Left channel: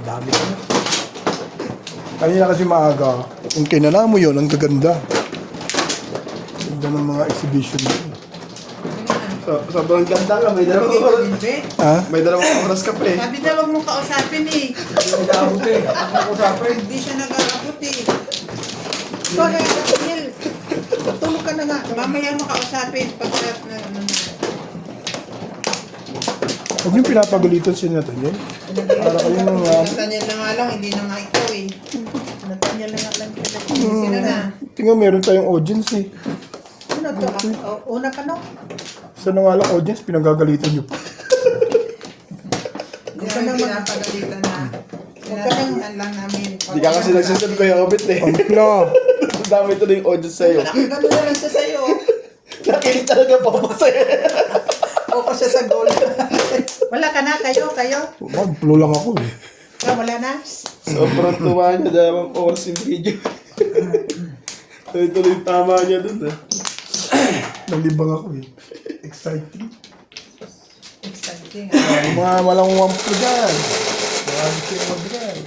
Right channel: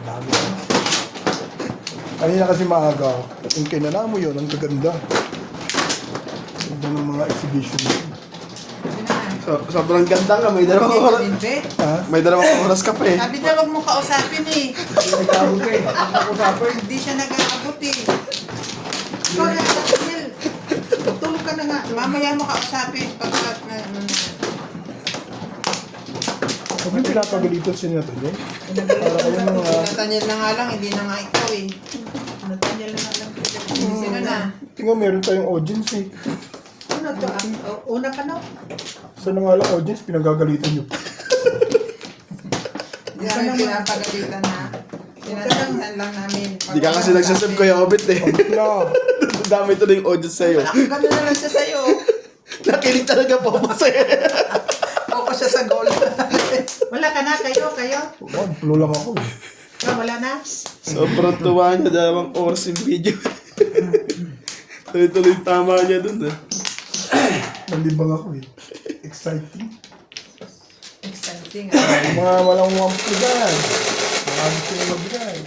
Dami ko. Kanina kasi maaga. Yung kinala mo yun, ang gaganda. Ganda ng mga exhibition mo. Sobrang ganda nga, may dalawang oras. Ha? May dalawang oras ka pa eh. Sabi na wag mo kausapin eh. Nag-aabot ka eh. Nag-usapin. Hindi siya nag-aabot eh. Ikaw na, Daniel. Tulog ka na nga. Mamaya mo kausapin pagkat na... Huwag yung pinapagalitan si Nathaniel. Para kayo mga... Nathaniel na nga lang, hindi na nga ikaw eh. Nathaniel na nga lang. Sino na? Tingnan, meron tayong audience eh. Ano to? Una ka no? Sa nga lang audience, pinagagalitan nyo. Hindi namin pinapagalitan na. Pinagalitan lang namin. Hindi ka kasi nagsasab ko yung obit eh. No. Dami ito na yung audience sa'yo. Gano'n na lang siya sa'yo. Nakinig talaga po mo sa'yo. Focus siya sa goal. Wala ka na, kayo. Magpulo lang ako eh. Wala na. Sobrang tuwa niya, dalawang oras yung video. Tuloy-tuloy yung tama niya dun eh. Nalibang ako eh. Exciting. Exciting. Mga malanguwang po dyan. Mga gusto nyo magbigay.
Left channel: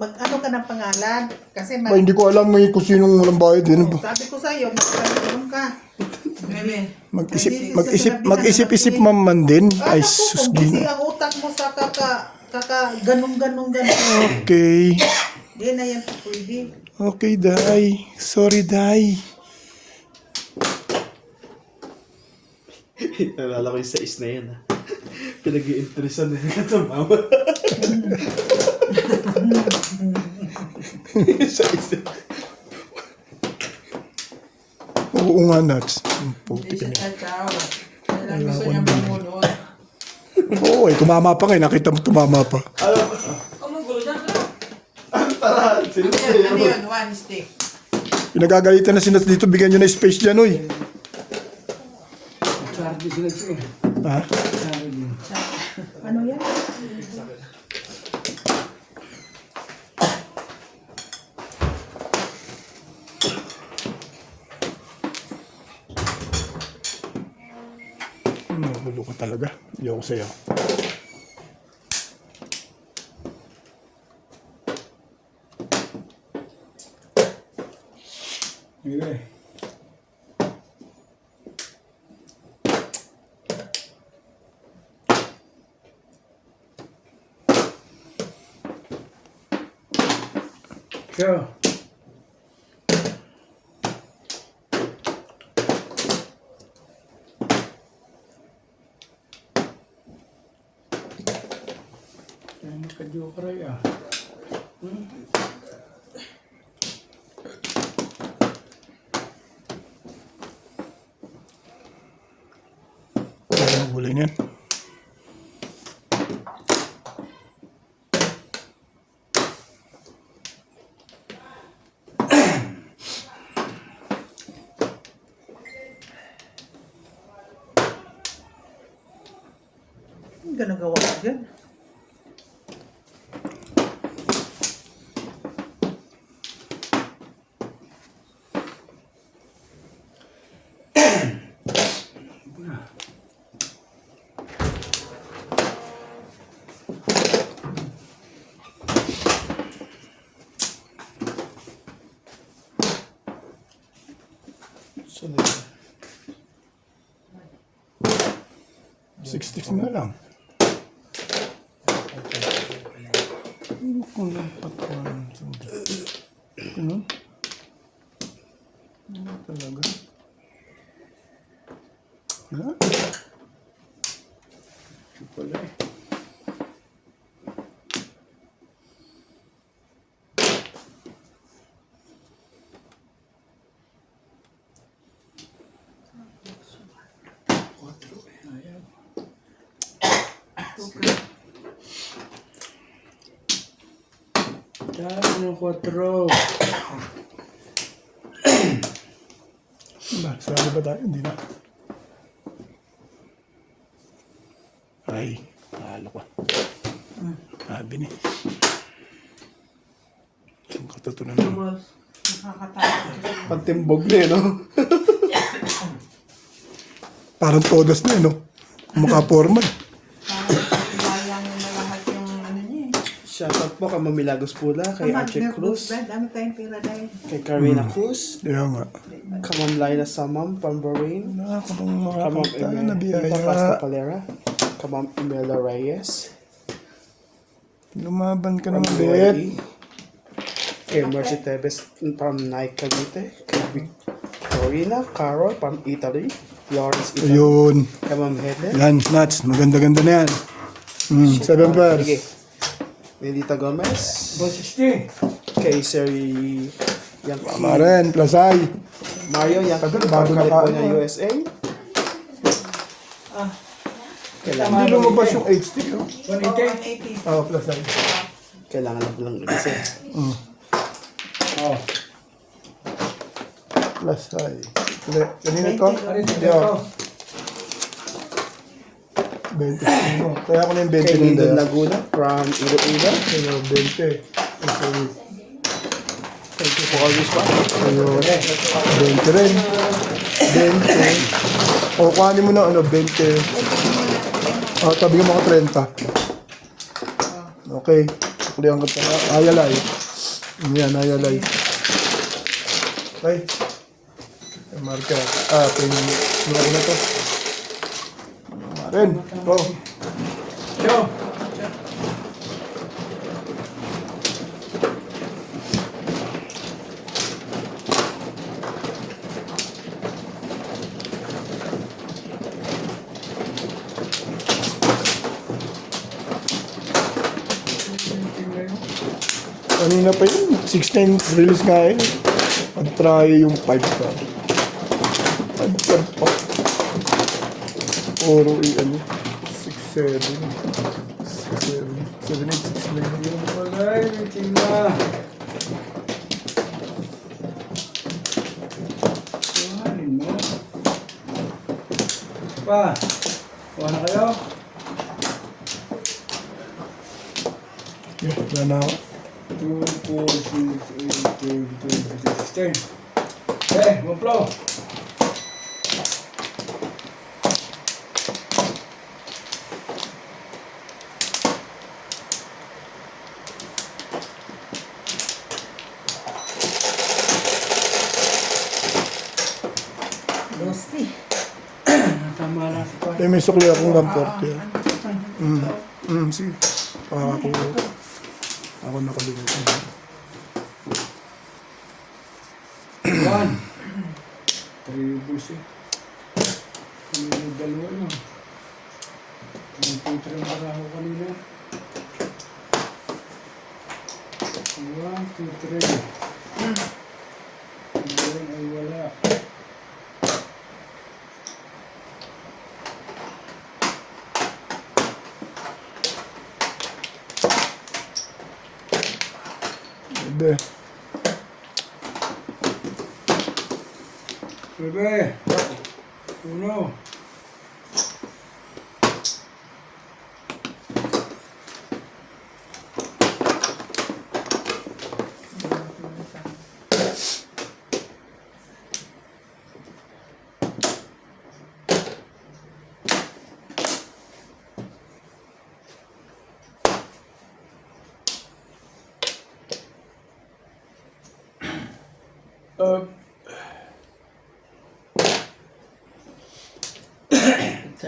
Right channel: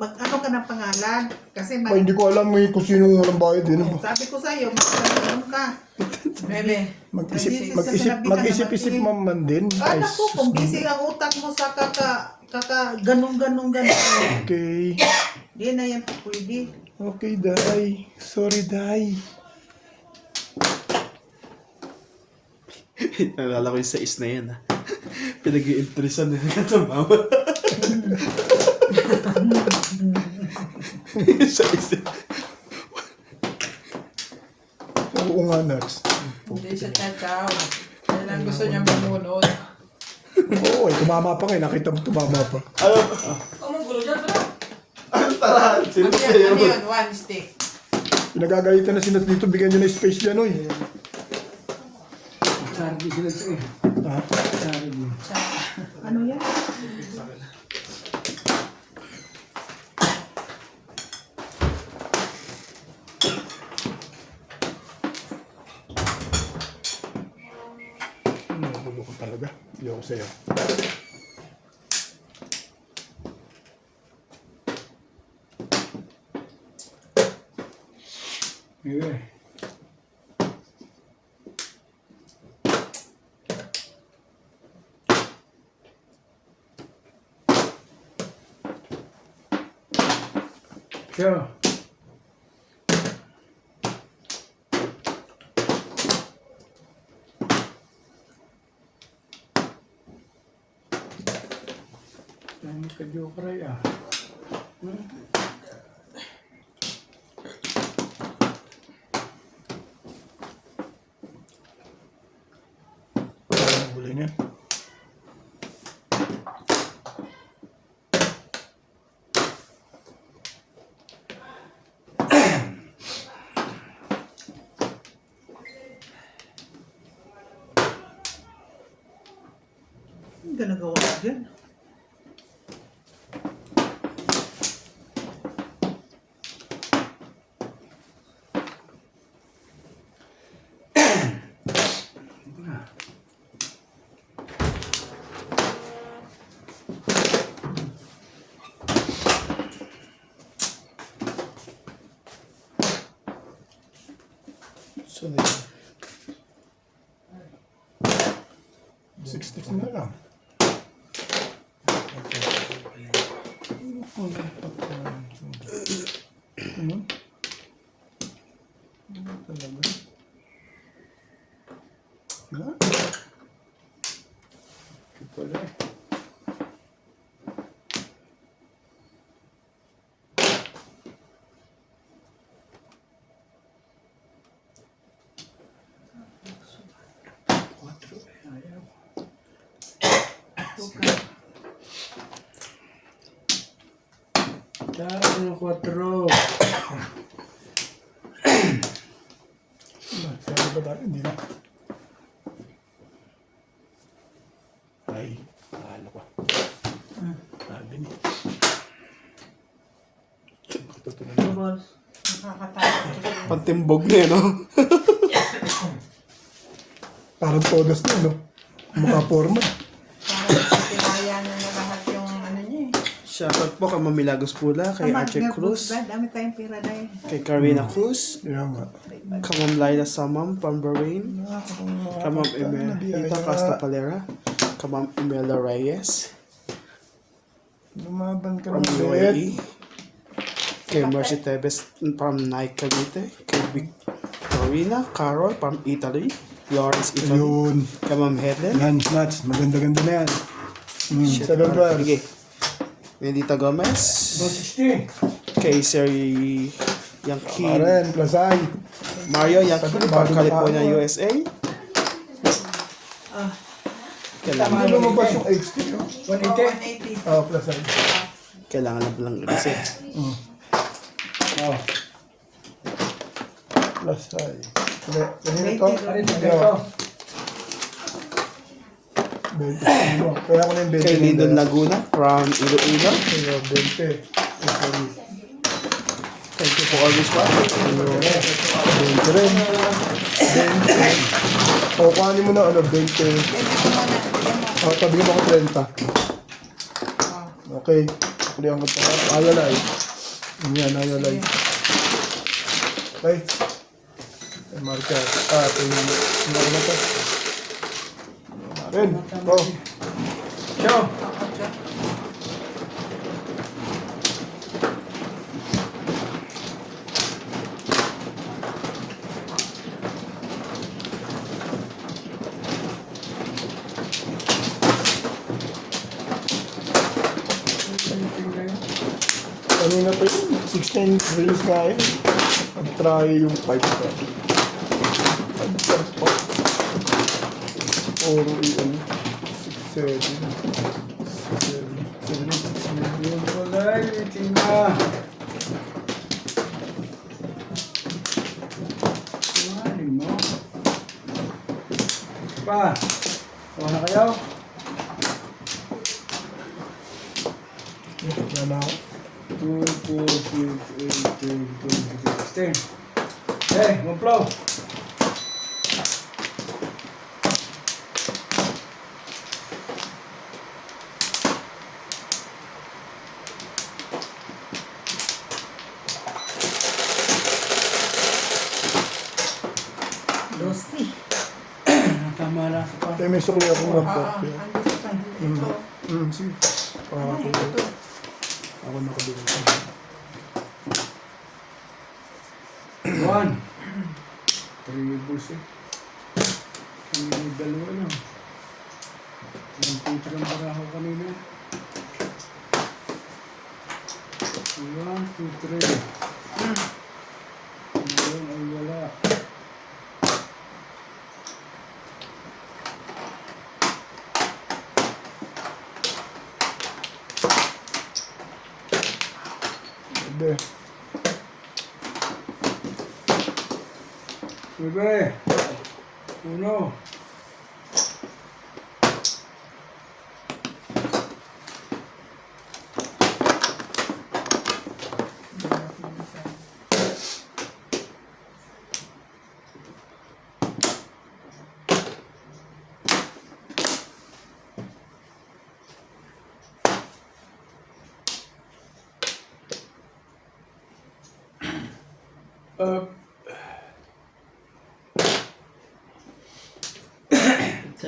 Ano ka ng pangalan? Kasi Ba, hindi ko alam eh kung sinong walang bayad eh. sabi ko sa'yo, magkaroon ka. Meme. Mag-isip-isip man din. Ay, sus. Kung busy ang utak mo sa ganong. Okay. Hindi na yan pwede. Okay, Day. Sorry, Day. Nalala ko yung sa is na yan ha. Pinag-i-interesan na yung mama. Sa is na. Oo nga, Nats. Hindi siya tataw. Yan ang gusto niya mamunod. Oo eh, tumama pa ngayon. Nakita mo tumama pa. Tara, sino Ano yan? Ano yun? One stick. Pinagagalitan na si Nats dito. Bigyan nyo na space dyan, oy. Ha? Ano yan? Nagulo ko talaga. Ayoko sa'yo. Yeah. Sure. Ka-jokeray ah. Ang gulay niyan. Ang ginagawa ko dyan. So, 60 na lang. Ano? Ano talaga? Wala? Ito pala eh. Ano, 4. Sabi ba tayo? Hindi na. Ay, mahalo ko. Sabi ni. Ang katutunan na. Boss. Nakakatakot. Pantimbog na no? Parang todas na, no? Mukha forma. Parang pinaya niya na lahat yan. Shoutout po kay Mamilagos Pula, kay Archie Cruz, Dami tayong pera dahil. kay Karina Cruz, Kaya nga. kay Ma'am Laila Samam from Bahrain, Nakakabang kay Ma'am makakita na Imelda Pasta biyaya. Palera, kay Ma'am Imelda Reyes, Lumaban ka from ng bet. UAE, kay Mercy Tebes from Nike Cavite, kay Victorina Carol from Italy, Lawrence Italy, Ayun. kay Ma'am Helen, Yan, nuts. Maganda-ganda na yan. 7 bars. sige, Medita Gomez, 160. kay Seri Yankee, Maren, Plasay. Mario Yankee from California, USA, Hindi kailangan, lumabas yung HD. No? 180. Plasay. kailangan na palang reset. Oh. Plasay. Kanina to? Ari, dito. 20 mo. Kaya ako na yung 20. Kay Lindon Laguna from Iloilo. Kaya 20. Plasay. Thank you for always watching. 20 rin. 20. O, kuhanin mo na ano, 20. Tabi mo ako 30. Okay. Kulihan ko ito. Ayalay. Yan, ayalay. Okay. Ay, marker. Ito yung marker na ito. Ren, ito. Yo. Kanina pa yun. 16 release nga eh. Nag-try yung 5 ko. Puro ano. 6, 7. 6, 7. 7, 8, 6, 9. Walay, meeting na. Kuhanin mo. Pa. Kuha na kayo. Wala na ako. 2, 4, 6, 8, 10, 16. Okay, maplo. Tama lang pa. Eh, may sukli akong lamporter. Sige. Ako nakabili ko. 1. 3 bulls eh. Kami may dalawa lang. Ang putra ng baraho kanina. 1, 2, 3. Ngayon ay wala. Bebe. Bebe. Uno.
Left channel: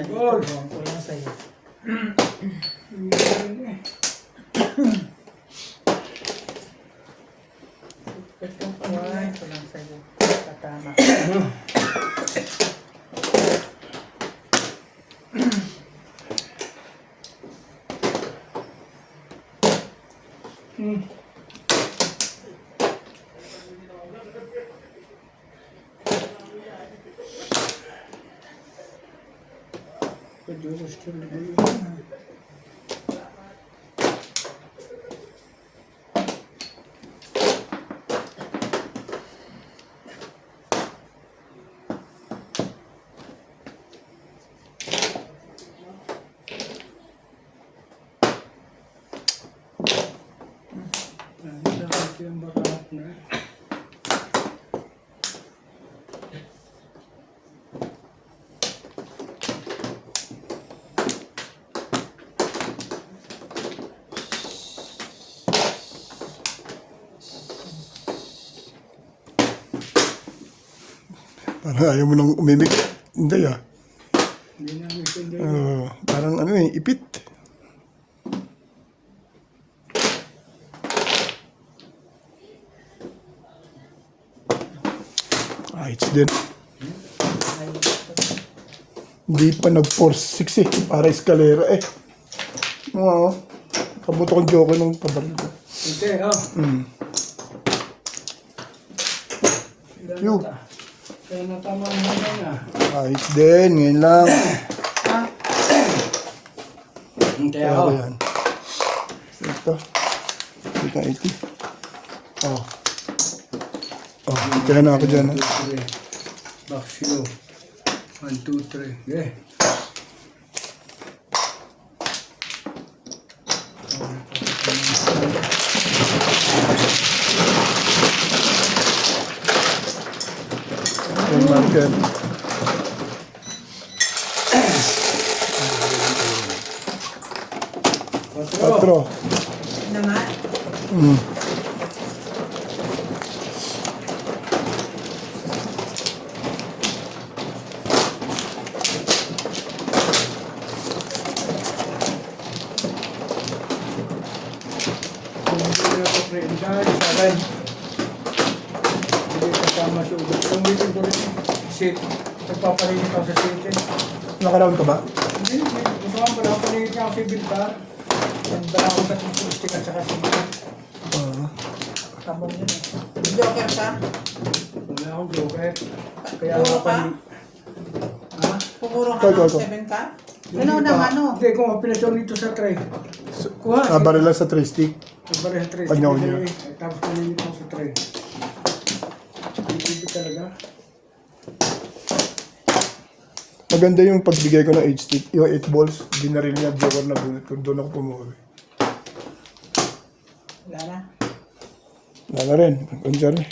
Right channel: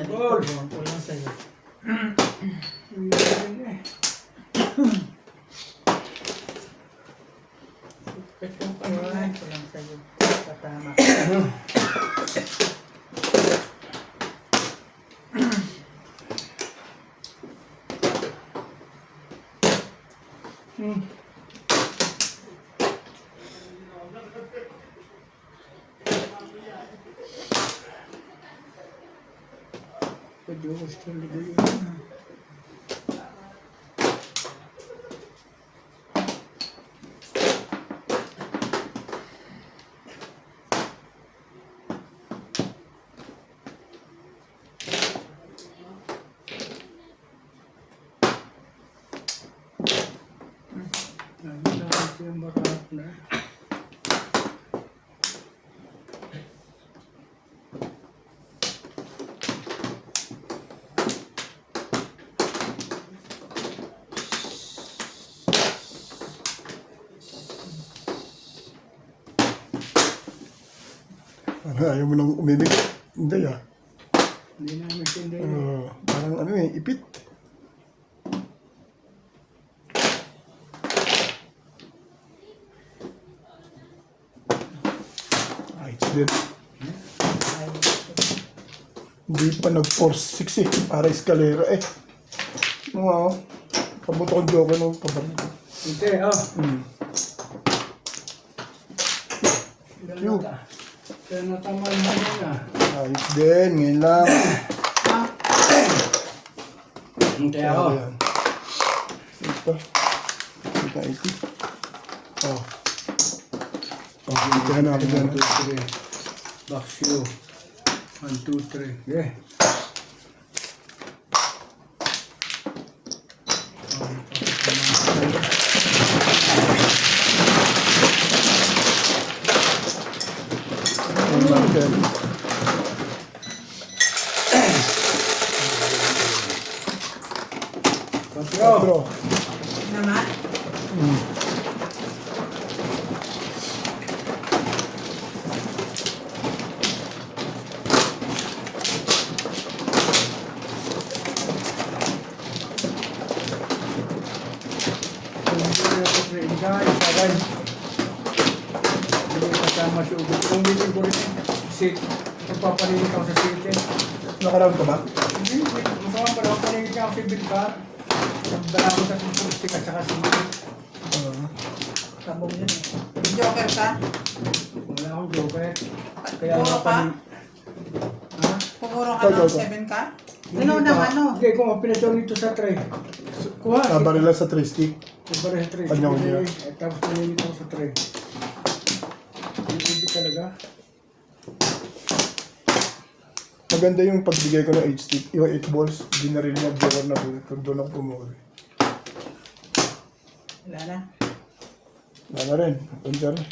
Ball. Kulang sa'yo. Kulang sa'yo. Katama. Ayaw mo nang umimik. Hindi ah. Hindi namin sindi. Parang ano eh, ipit. Ayos din. Hindi pa nag-force 6 eh. Para eskalera eh. Oo. Kabuto kong joke ng tabaril. Hindi, oh. Yo. Kaya natama naman yan, ah. Ayos din. Ngayon lang. Ha? Hindi ako. Yan. Ito. Ito 80. Oh. Oh, kaya na ako dyan. 1, 2, 3. Back slow. 1, 2, 3. Yeah. One mark yan. Quatro. 4. Naman? Hindi ako friend guys. Saray. Hindi kasama siya ulit. Kung hindi ko sit. Nagpapalilit ako sa city. Nakalawan ka ba? Hindi. Gusto nga pala ako paligid niya ako sa Bilbar. Nagdala ko sa pulistik at saka city. Kabong yun eh. Joker ka? Wala akong joker. Kaya Puro ako ka? Ha? Puro ka Ikaw, ng ikaw. 7 ka? Hindi Ano pa. naman, ano? Hindi, kung pinatsaw nito sa tray. Kuha. Nabaril lang sa 3 stick. Nagbaril sa tray. Panyaw Sige, niya. tapos panilit ako sa tray. Hindi talaga. Maganda yung pagbigay ko ng 8 stick. Yung 8 balls. Dinaril niya. Joker na bullet. Doon ako pumuwi. Wala na. Wala na rin. Puncher na.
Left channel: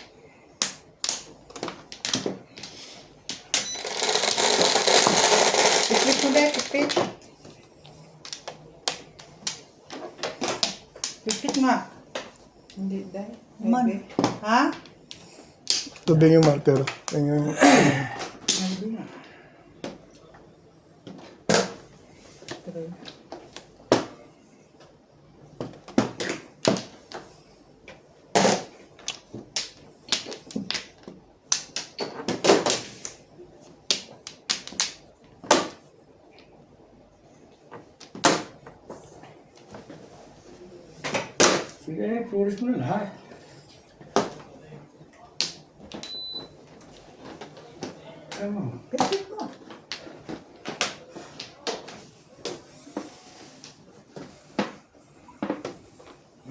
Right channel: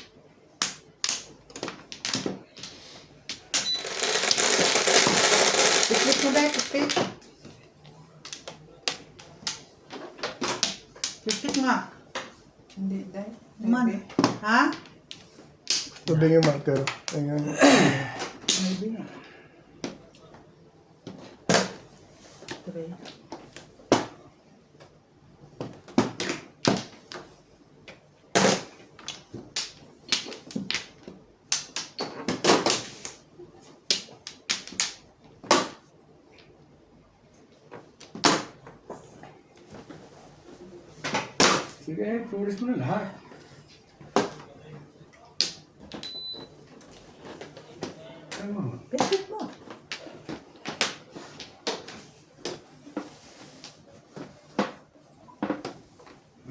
Pikpik mo dahil, pikpik. Pikpik nga. Hindi dahil. Man. Ha? Tubig yung marker. Ayun. Hindi na. Three. Sige, flores mo na lahat. Tama. Pikpik mo.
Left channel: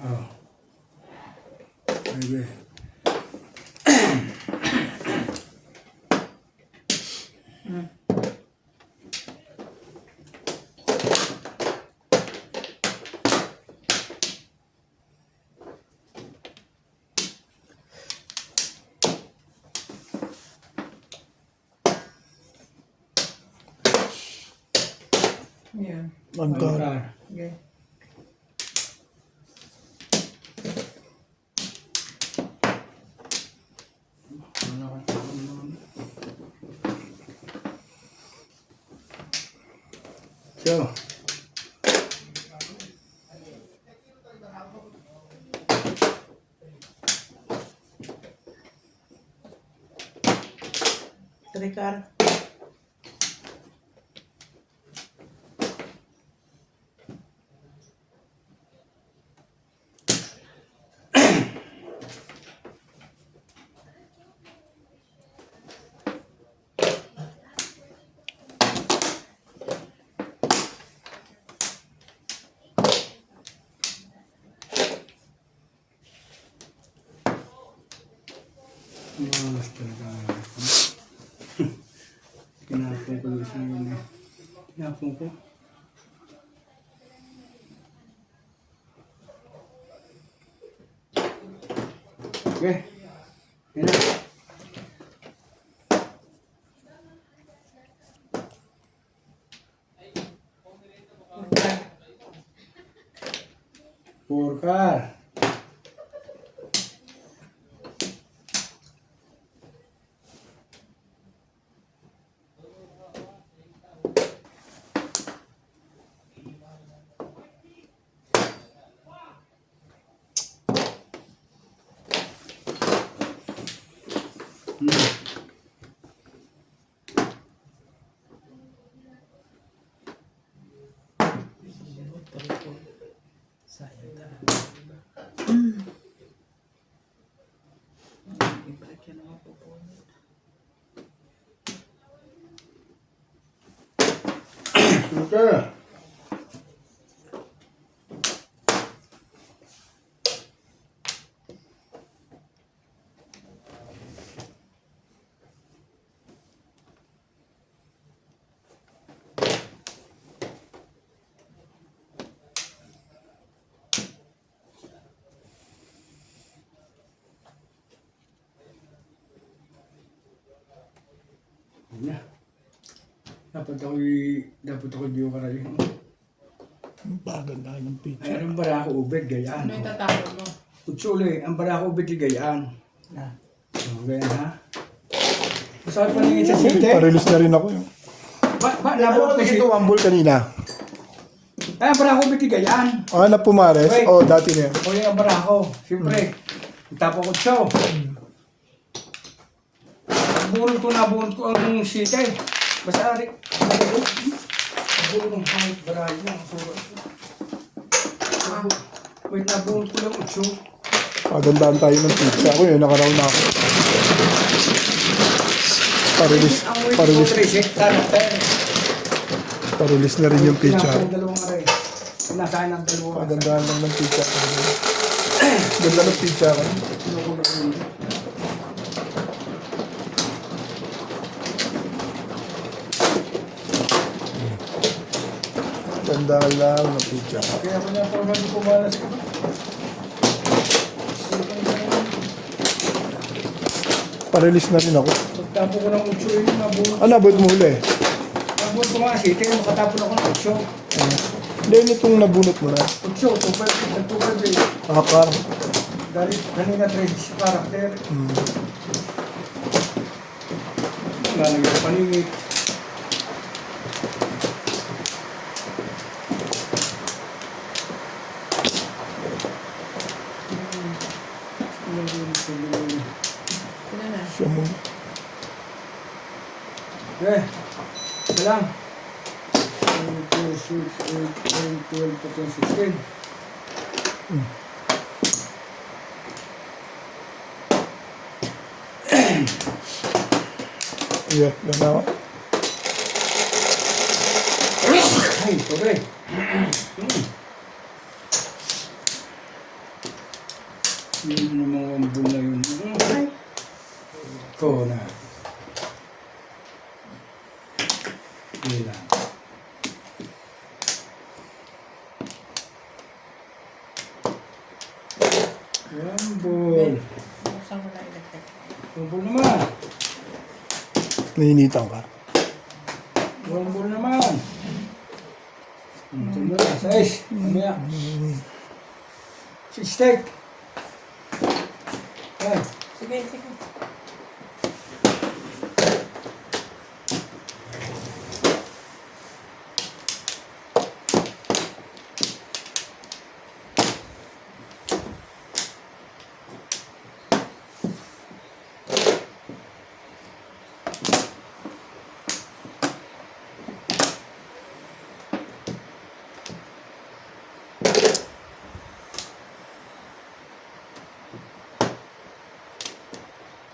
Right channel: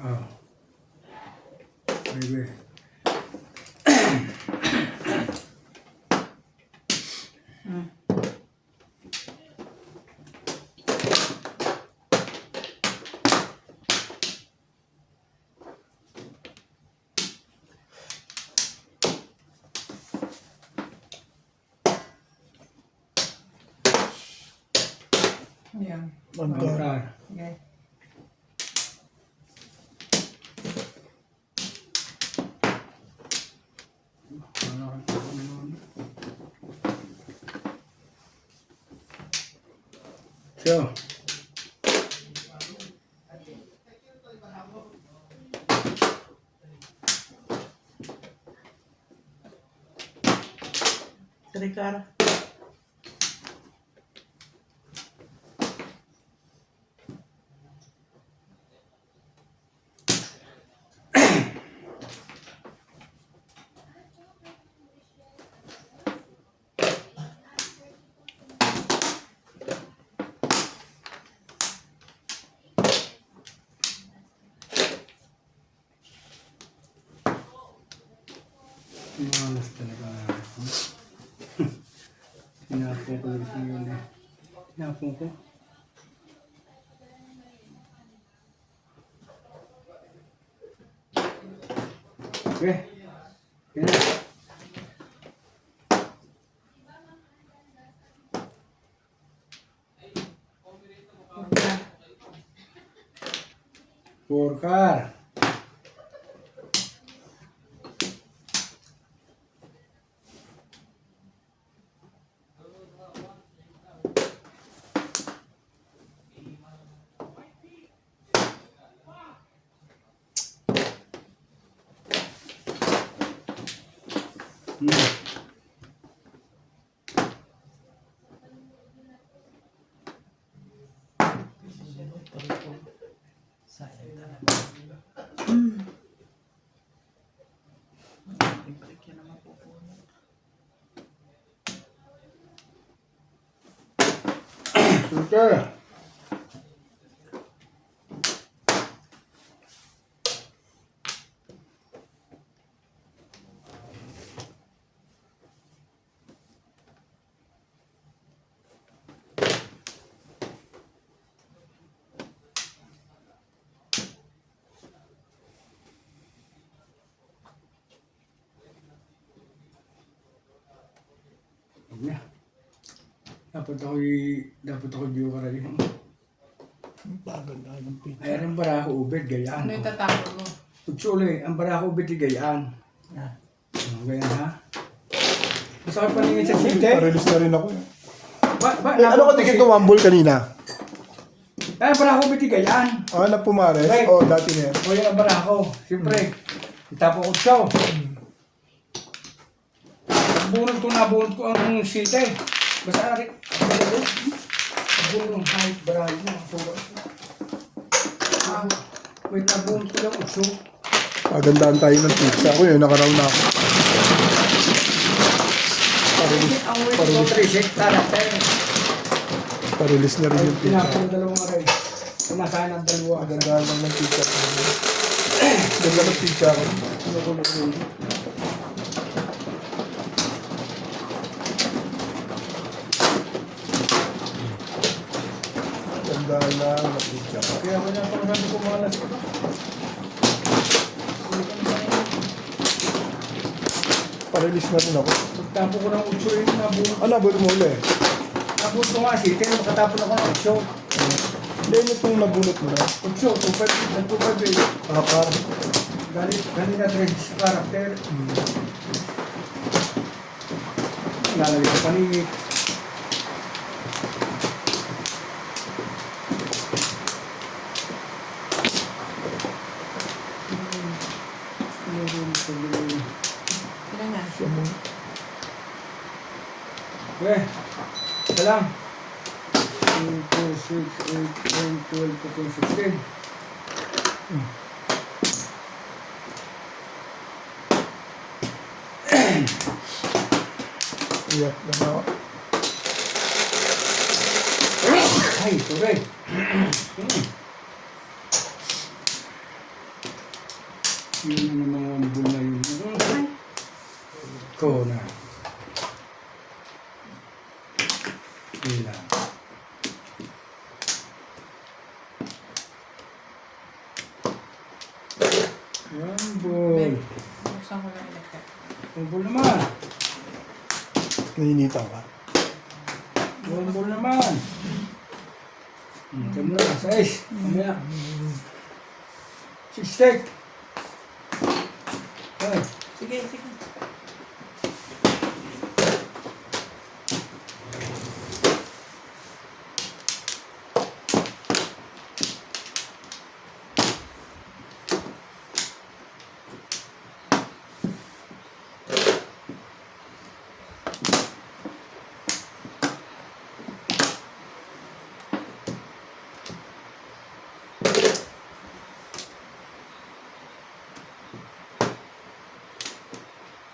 Oh. Sige. Yan. Manta. Mangkar. Okay. So. Trikar. Malas talaga. Pinapong ko yung isang yun eh. Pinapong ko. Okay. Yan na. Four car. Marker. Yeah. Dapat ako joker rin. Paganda ng picture. Mayroon bara ako ubed gayaan. Ano yung tatapon mo? Utsuli, ang bara ako ubed gayaan. Ah. Ganyan ha. Gusto ko paningin sa site. Release na rin ako. Ba, Ano ko tingin ko wambol kanina? Ay, ang bara ako ubed gayaan. Ah, na pumares? Right. O, dati na yan. O yung ang bara ako. Siyempre, tapo ko siya. Bunot ko ang site. Basta ari. Bunot ng height, barahin na. Wait, nabunot ko lang utso. Pagandaan tayo ng pizza. Ako yun, nakaraw na ako. Parelease na rin yung pizza. Pinapang dalawang aray. Nasaan ang dalawa. Pagandaan lang ng pizza. Ganda ng pizza ka. Gandaan lang ng pizza. Kaya ko na pang sabi ko malas ko. Parelease na rin ako. Pagtapo ko ng utso yun, nabunot. Ano, abot mo uli? Nabunot ko nga kasi, kaya makatapon ako ng utso. Hindi, yun itong nabunot mo na. Utso, 2.5 eh. Nakapar. Galit, kanina 3 sa karakter. Lalagay ko paningit. Sino na? Siya mo. Okay, isa lang. 2, 4, 6, 8, 10, 12, 14, 16. Yeah, ganda. Ay, sorry. Yun namang wambul na yun. Ko na. Yun lang. Wambul. Buksan mo na electric. Wambul naman. Nainitan ka. Wambul naman. Ito mo na, 6. Mamaya. 6 steak. Ay. Sige, sige.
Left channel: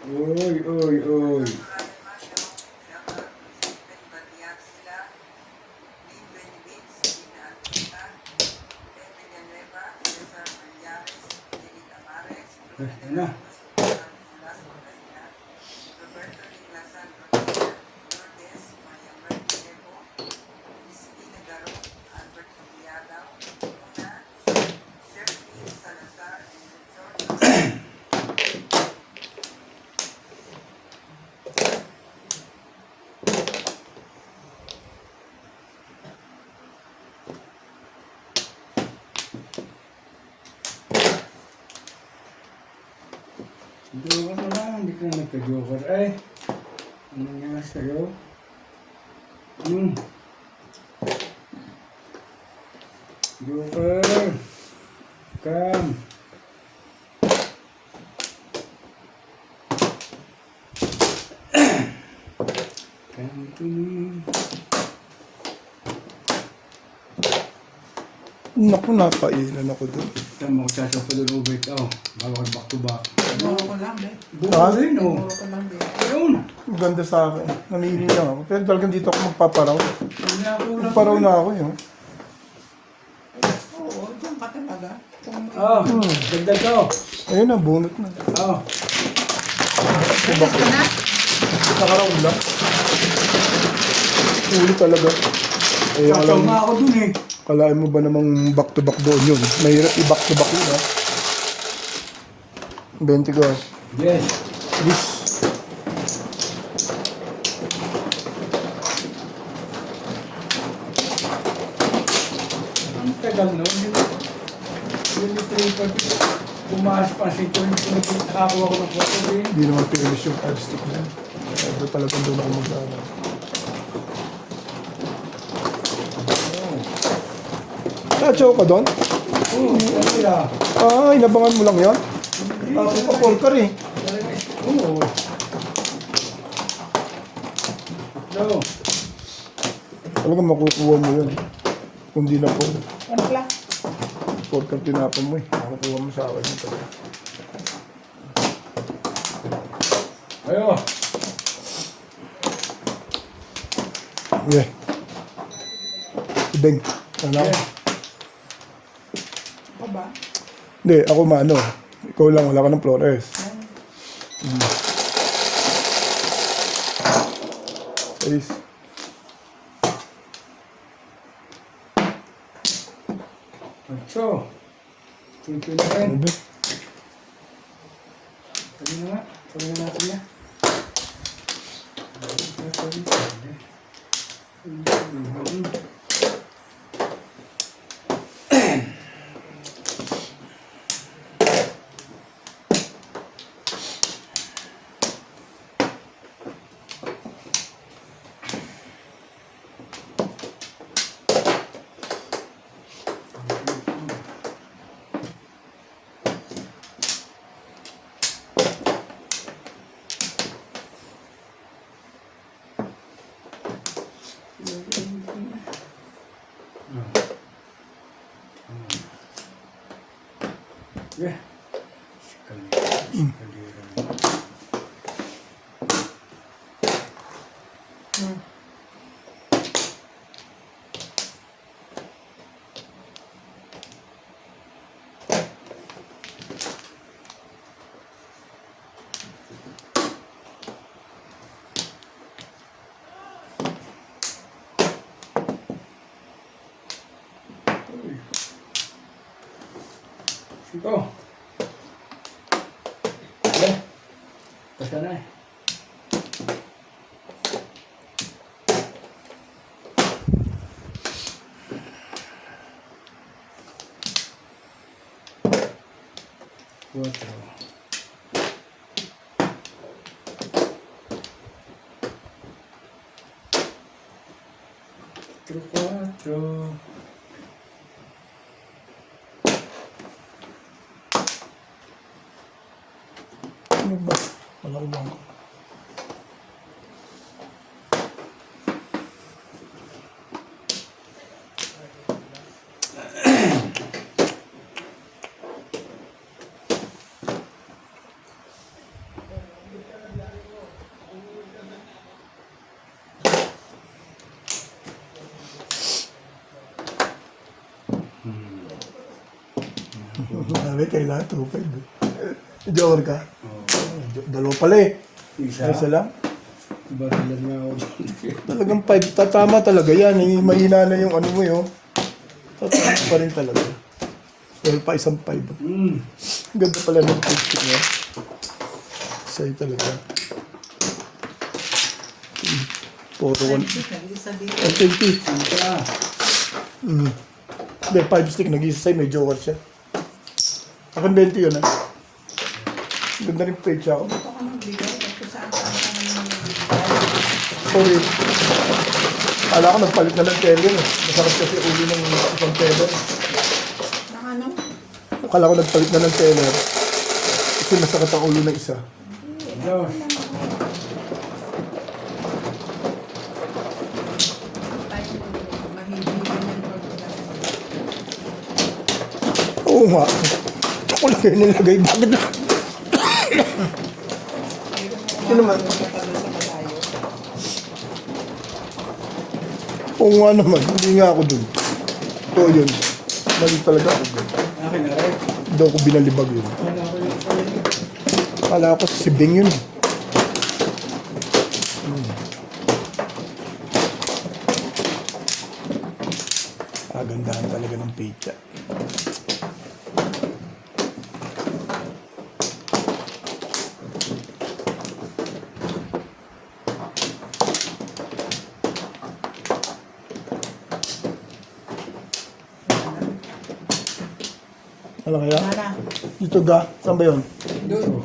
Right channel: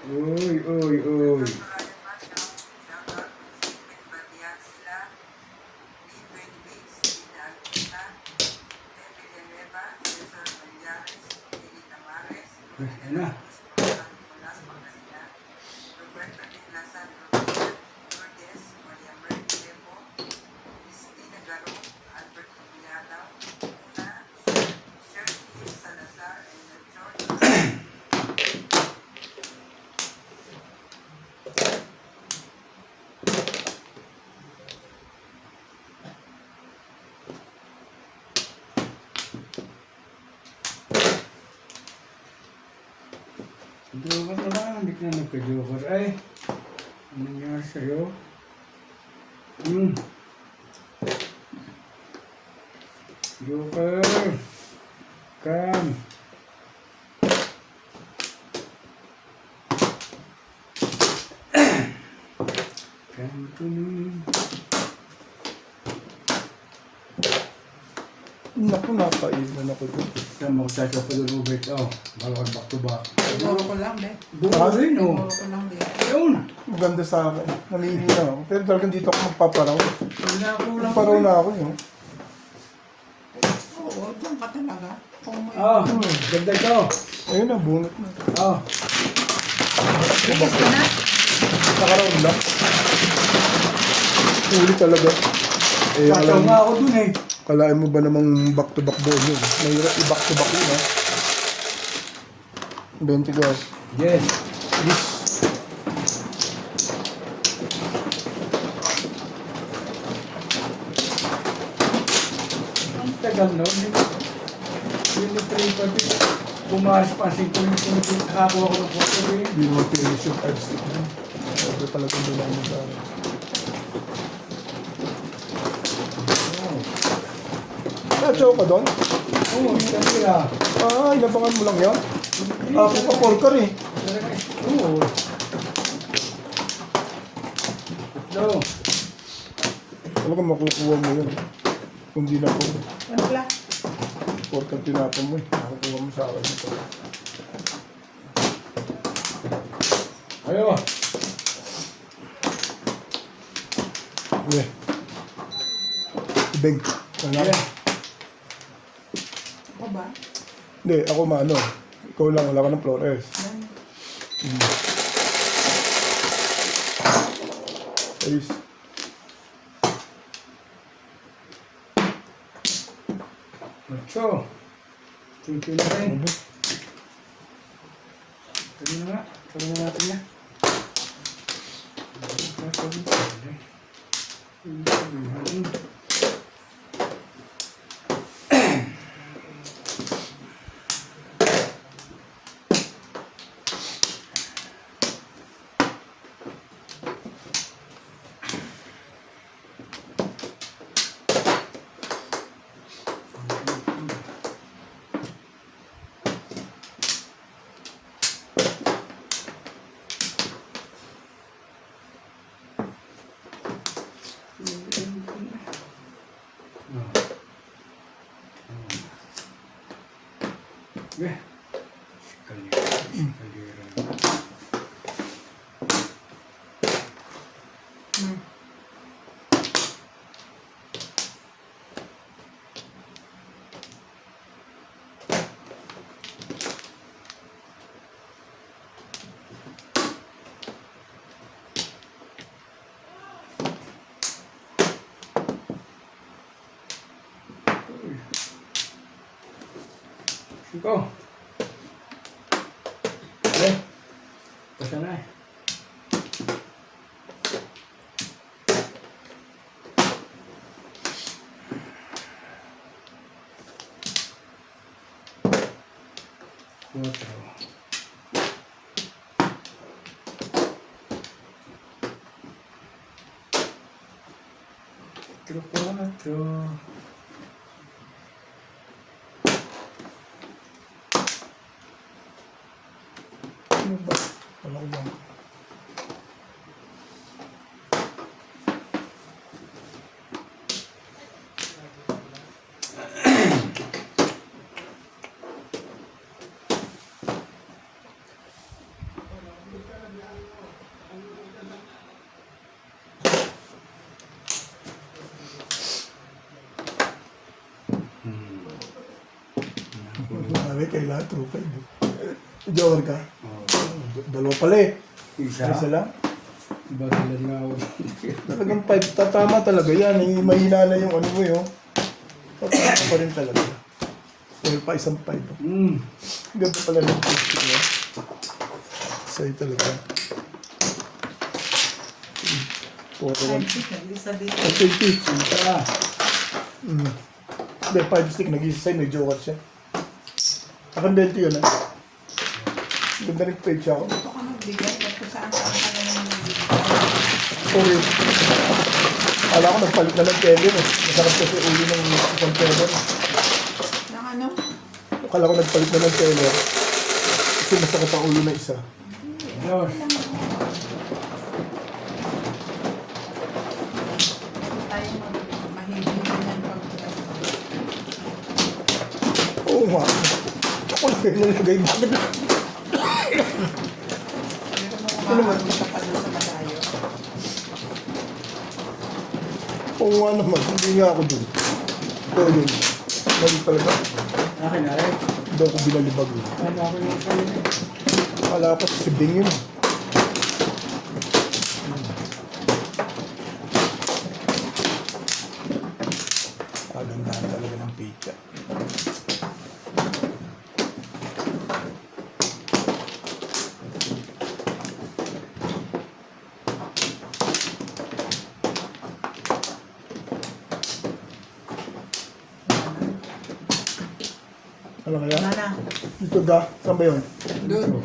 Uy, uy, uy. Yan na. Joker na lang, hindi ka nagka-joker. Ay, ano nangyari sa'yo? Joker! Come! Come to me. Naku, napailan ako doon. Sa mga chacho pa doon ubit. Oh, bago ka back to back. Siguro ko lang, eh. Buo rin, oh. Siguro ko lang, eh. Ayun. Maganda sa akin. Namili lang ako. Pero talagang dito ako magpaparaw. Kanya ko lang. Magparaw na ako yun. Oo, doon ka talaga. Kung may... Oh, ganda siya, oh. Ayun na, bunot na. Oh. Bilis ka na? Nakaraon lang. Huli talaga. Eh, Chacho alam, nga ako dun, eh. kalain mo ba namang back to back doon yun? Mahirap i-back to back yun ha. 20 ko. Yes. Yes. Ang tagal na. Hindi pati. Bumakas pa. Nakakuha ko ng photo rin. Hindi naman finish yung 5 stick na. Sabi talagang doon ako mag-aaral. Chacho ka doon? Oo, kasi ah. Ah, inabangan mo lang yan? Ako pa polkar eh. Oo. No. Talagang makukuha mo yun. Kung di na po. Ano lang? Polkar tinapon mo eh. Makukuha mo sa akin. Ayo. Yeah. Ibeng. Wala. Yeah. Ako ba? Hindi, ako maano. Ikaw lang, wala ka ng Flores. Alis. Ocho. Tuloy na rin. Ano ba? Sabi na nga. Sabi na natin na. Yeah. Go. Okay. Basta na eh. Cuatro. Cuatro. Ano ba? Wala ko ba? Sabi, kailangan 2-5. Joker ka? Dalawa pala eh. Isa lang. Iba talaga nga ako. Talagang 5. Tatama talaga yan. Eh, mahina na yung ano mo yun. Tatama pa rin talaga. Dahil pa isang 5. Ganda pala ng 50 niya. Sa'yo talaga. Photo 1. Isa dito. 20. Ah. Hindi, 5 stick. Nag-isa sa'yo. May joker siya. Akin 20 yun ah. Ganda rin page ako. Ito ko nagbigay. Kung saan ka nagbigay. Sorry. Alam ko nagpalit na ng tele eh. Masarap kasi uli ng isang tele. Na ano? Akala ko nagpalit na ng tele. Kasi masakit ang uli ng isa. Dos. Tayo mahilig na yan. Oo nga. Ako lang kayo nilagay. Bakit? Sino man? Matalo sa malayo. Oo nga naman. Hindi nga ako dun. Pero yun. Mali talaga ako dun. Akin na rin. Hindi ako binalibag yun. Kala ko yung pala yun. Kala ko si Bing yun. Gandahan talaga ng pizza. Ano kaya? Nana. Dito ga. Saan ba yun? Doon.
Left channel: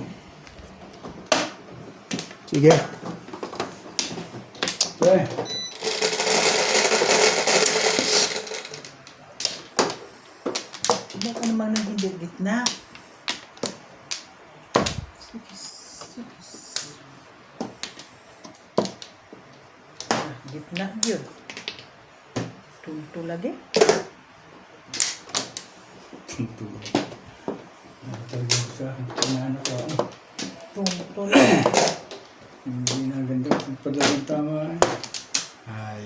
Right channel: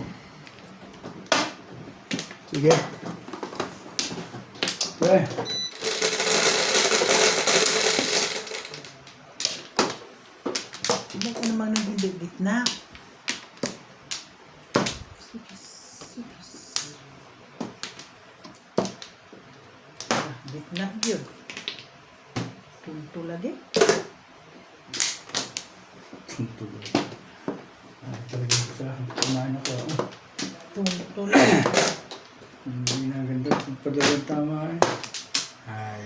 Sige. Okay. Hindi ka namang naging gitna. Gitna yun. Tunto lagi. Talaga ko sa kumain ako. Tunto lagi. Hindi na ganda. Padalang tama. Ay.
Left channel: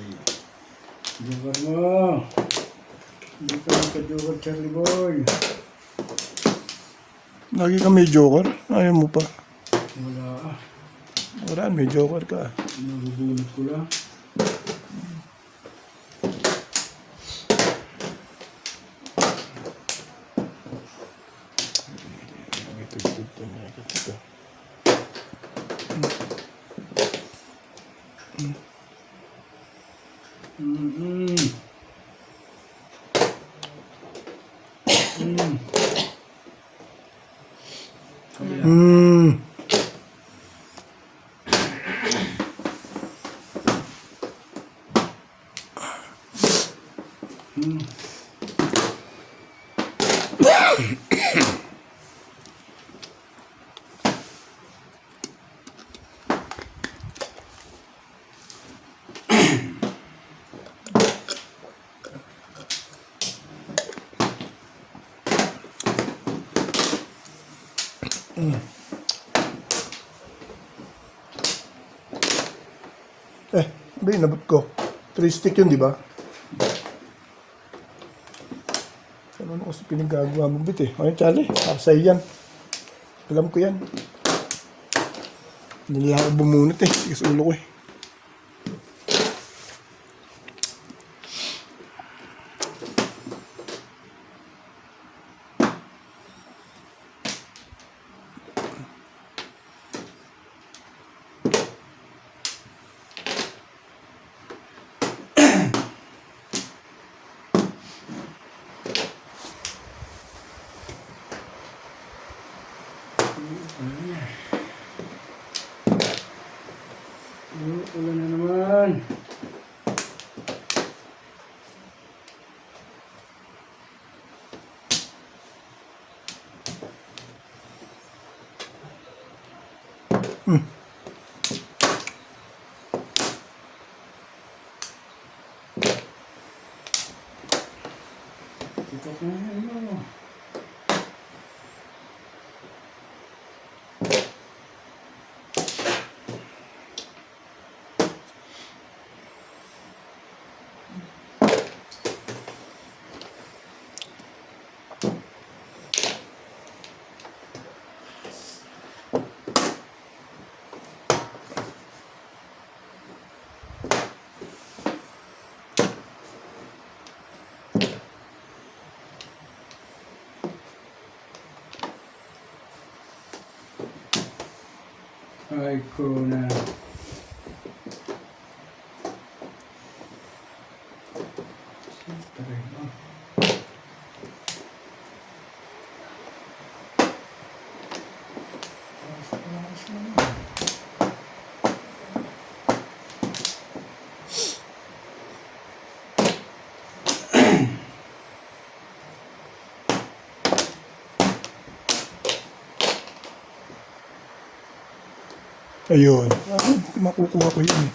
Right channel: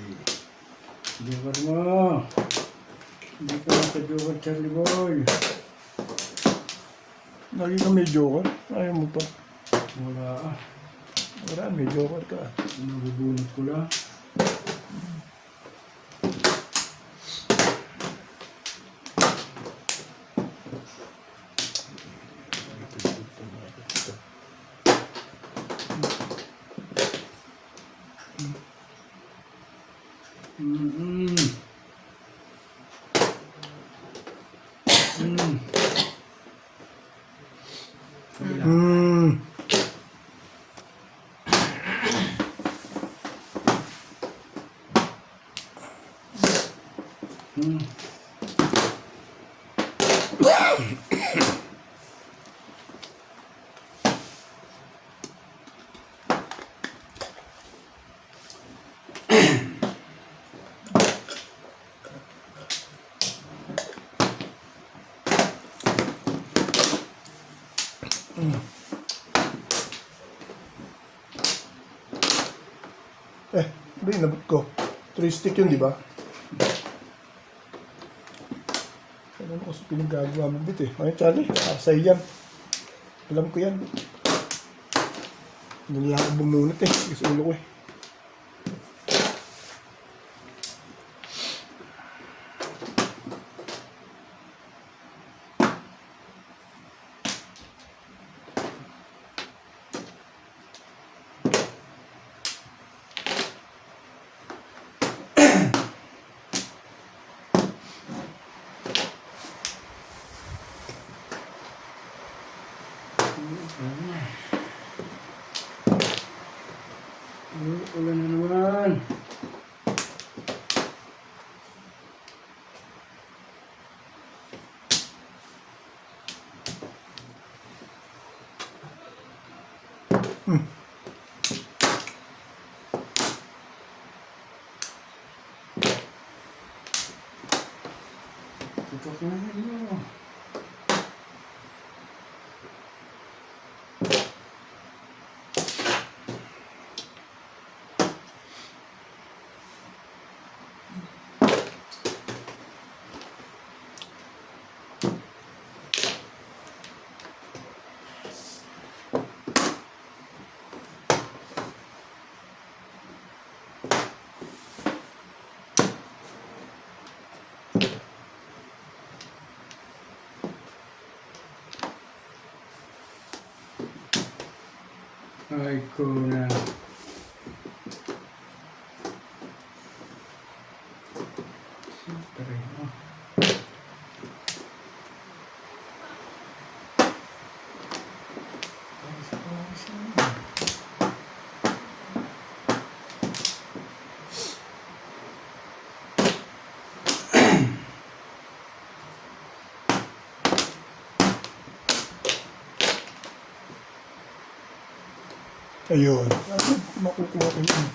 Joker mo. Hindi ka naka-joker, Charlie Boy. Lagi ka may joker. Ayaw mo pa. Wala. Wala, may joker ka. Nabubunot ko lang. Hmm. Hindi, nabot ko. 3 stick yun, di ba? Ano kasi pinagagawa mo bit eh. Ay, Charlie, asay yan. Alam ko yan. Hindi lang ako bumunot eh. Tigas ulo ko eh. Ulan na naman. Tutok na ano. Ay ko na. Siyempre, oh. Ayun. Makukuha ko yun eh.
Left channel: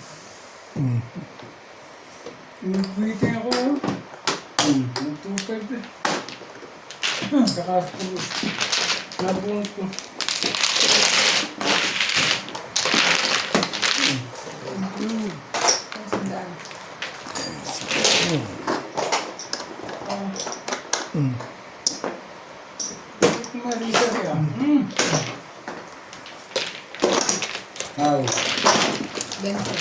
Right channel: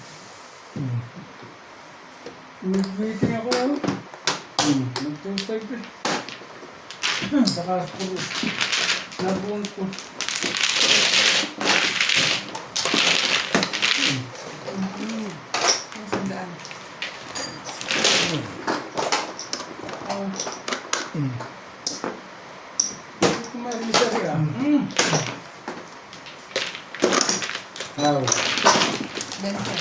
Nag-waiting ako. Nag-2-5 eh. Saka nabunot ko. Ang sandaan. Marisa siya. Wow. Ganito.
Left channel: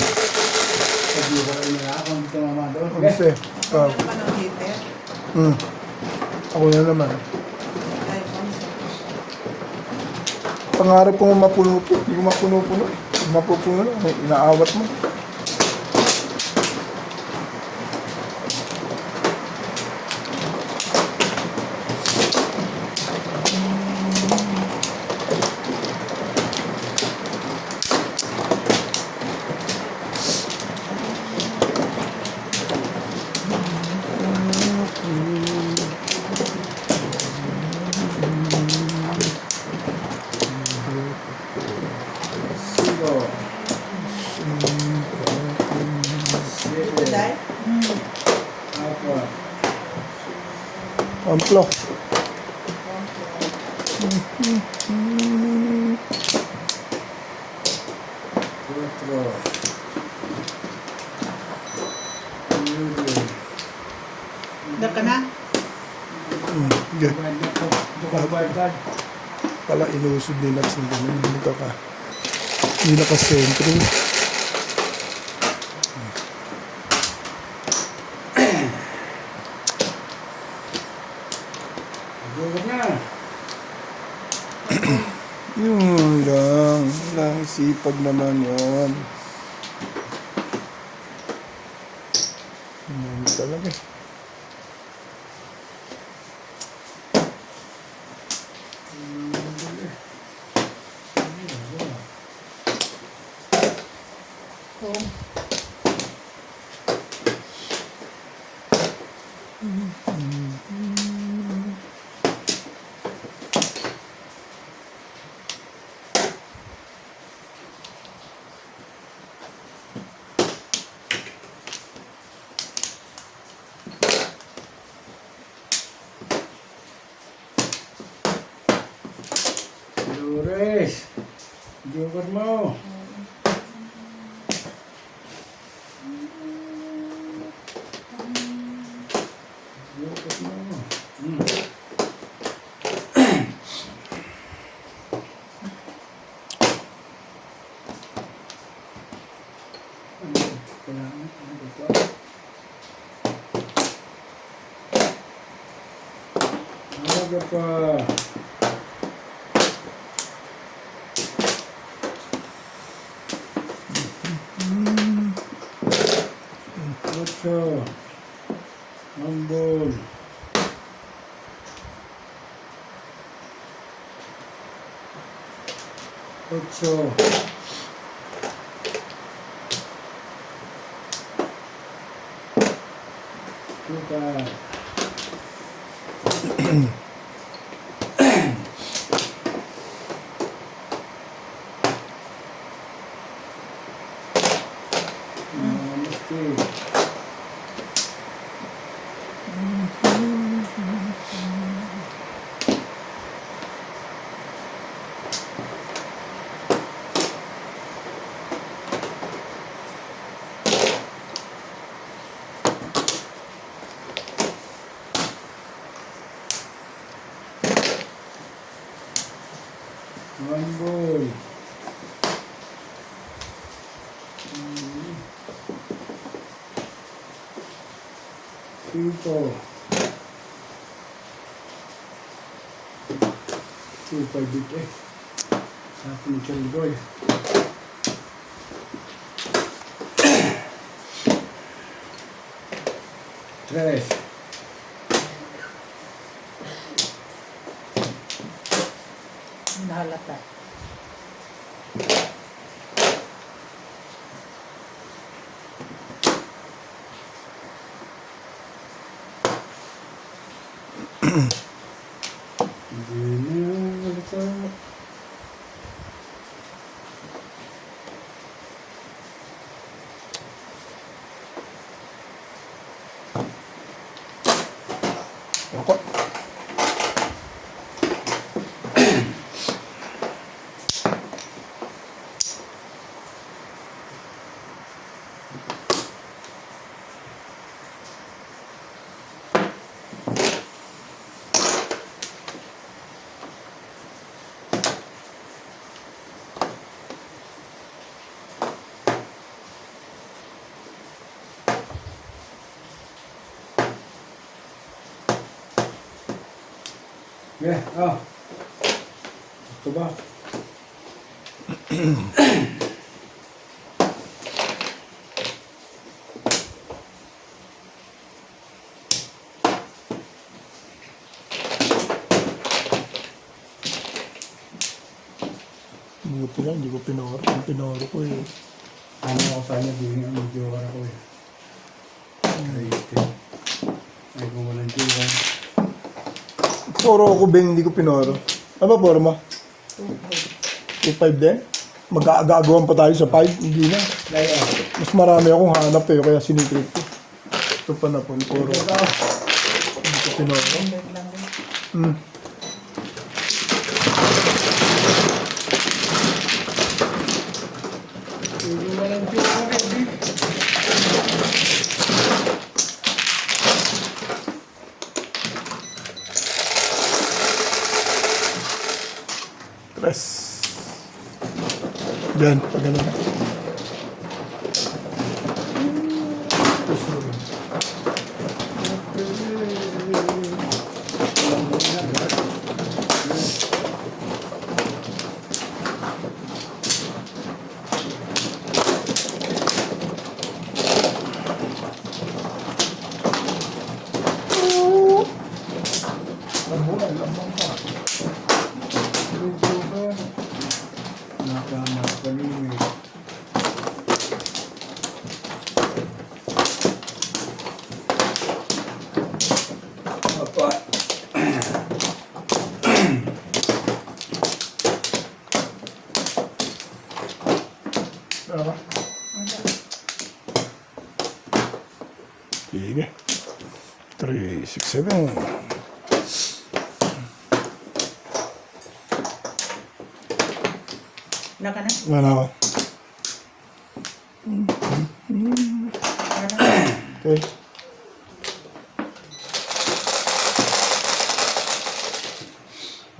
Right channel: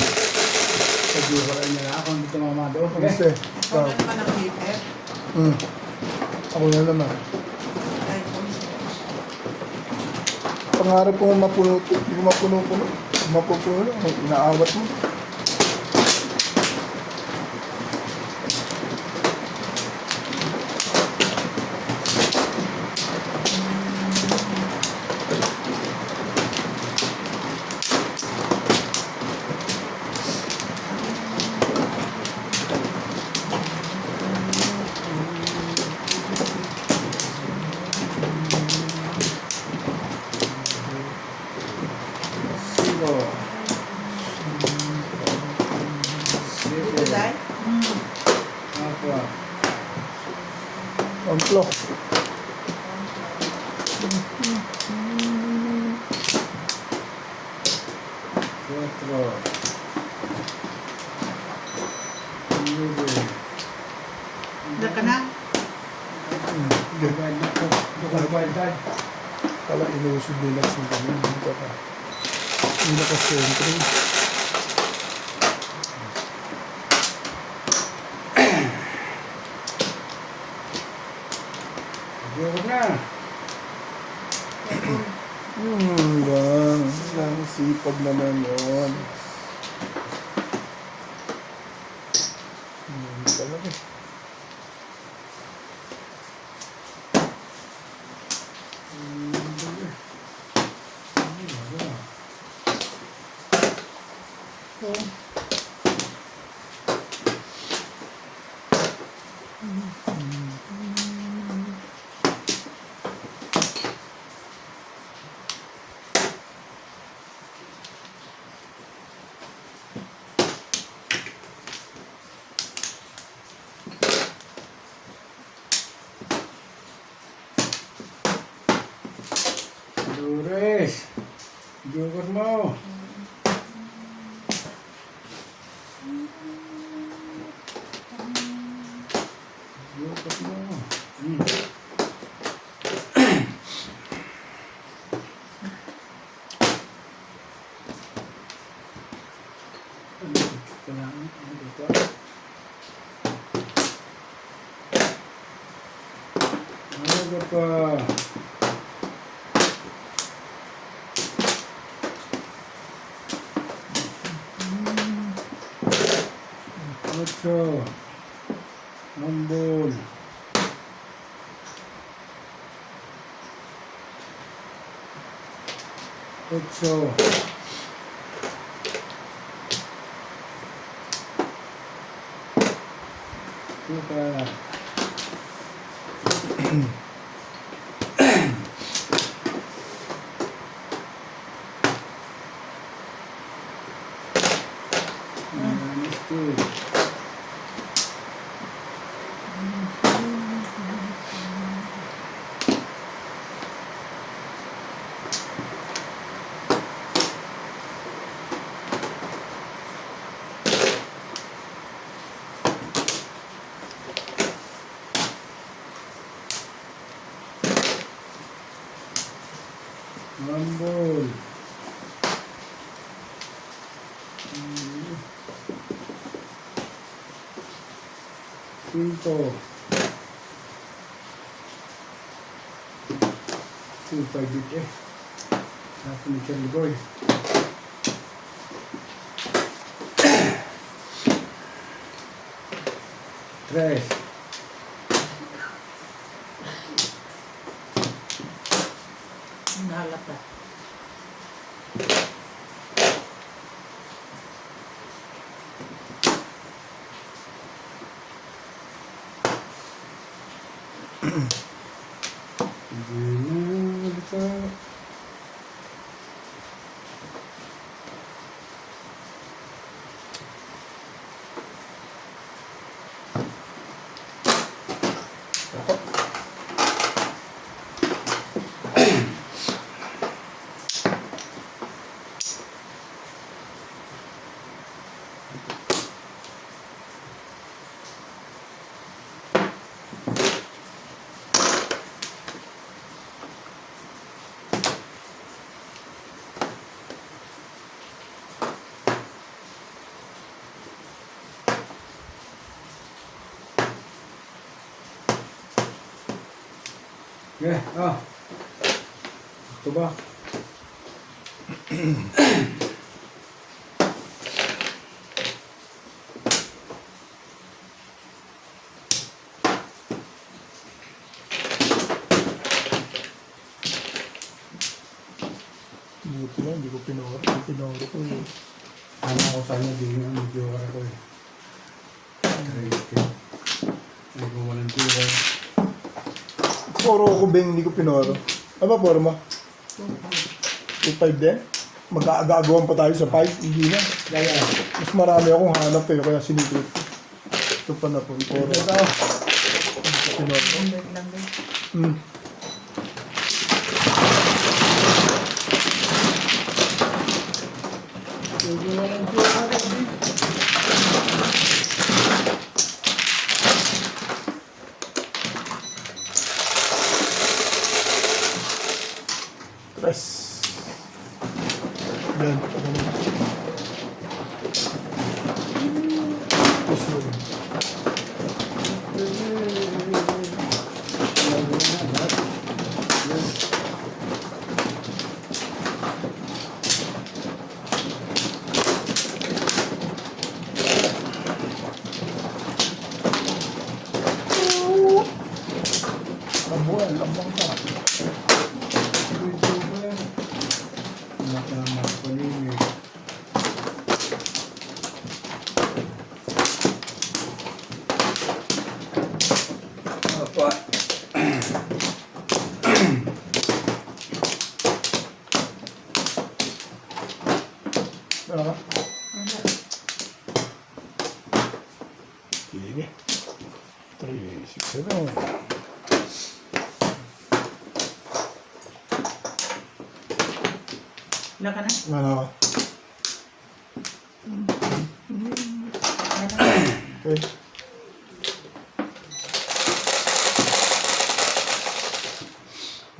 Sabi ko rin nila ako dito mamado. Kasi, Ano ba ng heater? ako na naman. Ay, kamusta? Pangarap ko mapuno-puno. Hindi ko mapuno-puno. Mapupuno. Inaawat mo. Sigo. Ito, Day? Apa. Amplo. Cuatro. Nueve. Handa ka na? Yan. Dukabad. Pala inuusog nila sa ganun. Dito ka. Hindi nakasentro. Dukabad na. Lang sipag naman yun. Talaga eh. Dolores. Joker mo. Joker mo. Ano ka? Ocho. Ambon. Ocho. Tuka. Namaste. Ambon. Cinco. Super big eh. Aku mencari gol. Tres. Nahalata. Yeah, oh. Ito ba? Buti lang, hindi ko pinoro. Ang pinoro ko yun. Ano ko sana, di yung medyo ako eh. Ay, kung walang tira. Poro ako, Ben, hindi ko pinoro. Ano ba, poro mo? 2.5 din? Mag-aagawan pa tayo sa 5? Hindi na. Kaya, Mas marami akong hanap eh, kaya sinikrit ko. Ito pa na pong poro. ito. Hindi ko pinoro. Bait lang din. Hmm. Kung walang tira ako, di. Press. Yan, pag ganun. Push mo. Labuan, lambang ka. Ito ba? Nakamapalimit. Apa? Ah. Sige. 3, 6, 7. Wala ka na? Ano? Wala na. Okay.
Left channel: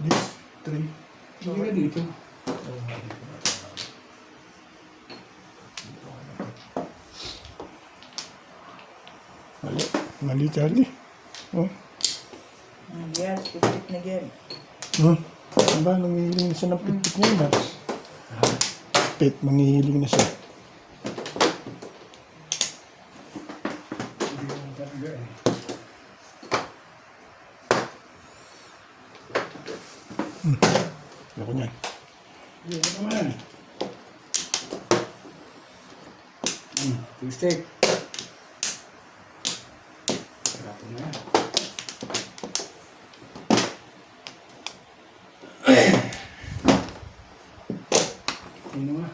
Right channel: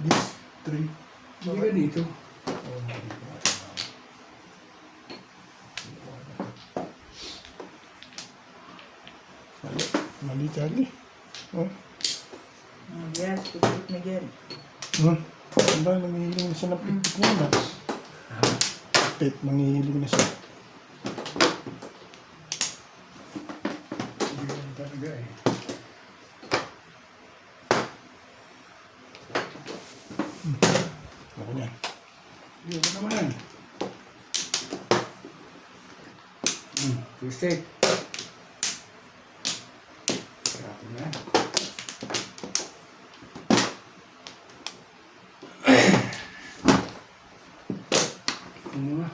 This, 3. Hindi ka dito. Mali. Mali, Charlie. Oh. Yes, pipit na yan. Ano ba? Nangihiling na siya ng pit niya ba? Pit, nangihiling na siya. Hindi ka talaga eh. Ako niyan. Hindi ka naman. Two stick. Sarap na. Ano nga?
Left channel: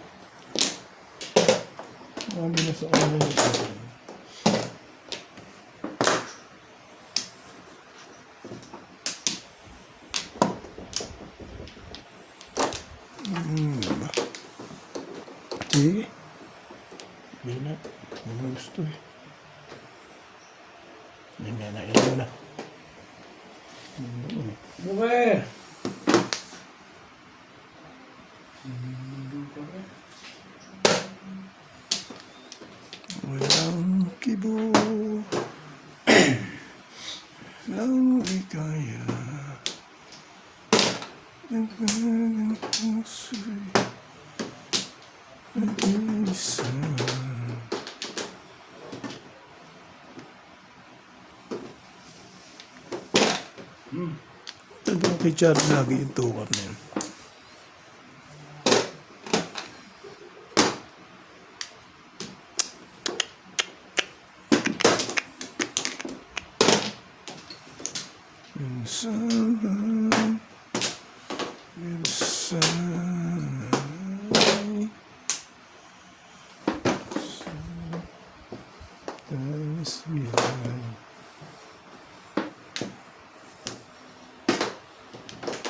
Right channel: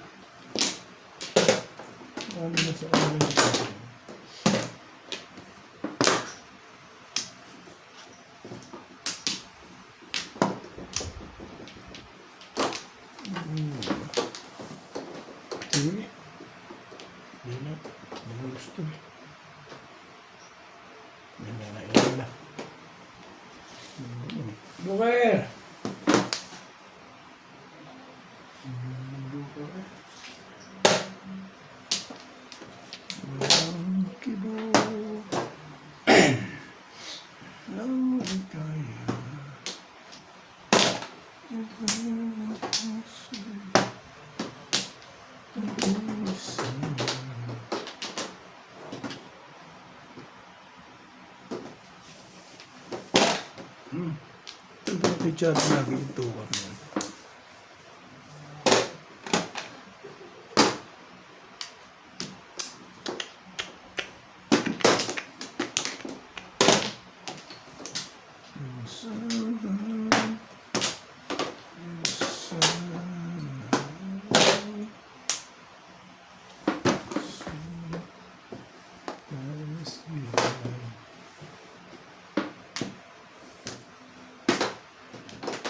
Marami na sa ano yun. Sige. Hindi na. Hindi mo gusto eh. Hindi na. Ito na. Buker! Walang kibo. Lang ikaya. Nagwalang puso'y nag-isa. Ito ba kay Charlie lagi yung tuwan mo?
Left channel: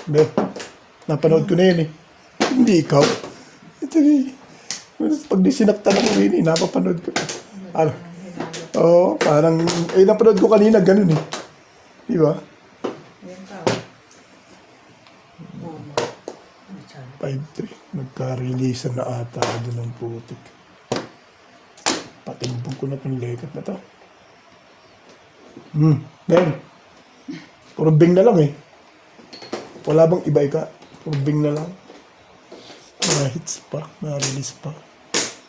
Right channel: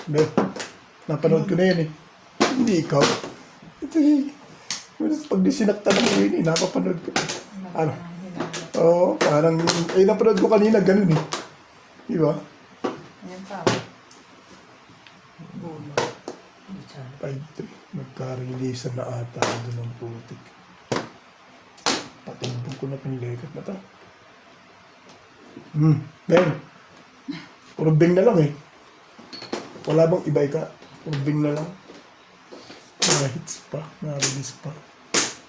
Be, napanood ko na yun eh. Hindi ikaw. Ito eh. Pag di sinaktan ako yun eh, napapanood ko. Ano? Oo, parang, napanood ko kanina, ganun eh. Di ba? Yan pa. 5-3. Nagka-release na ata doon ng putik. Patimbog ko na pinlekat na to. Dahil. Puro bing na lang eh. Wala bang iba ika? Puro bing na lang. Mga hits pa, mga release pa.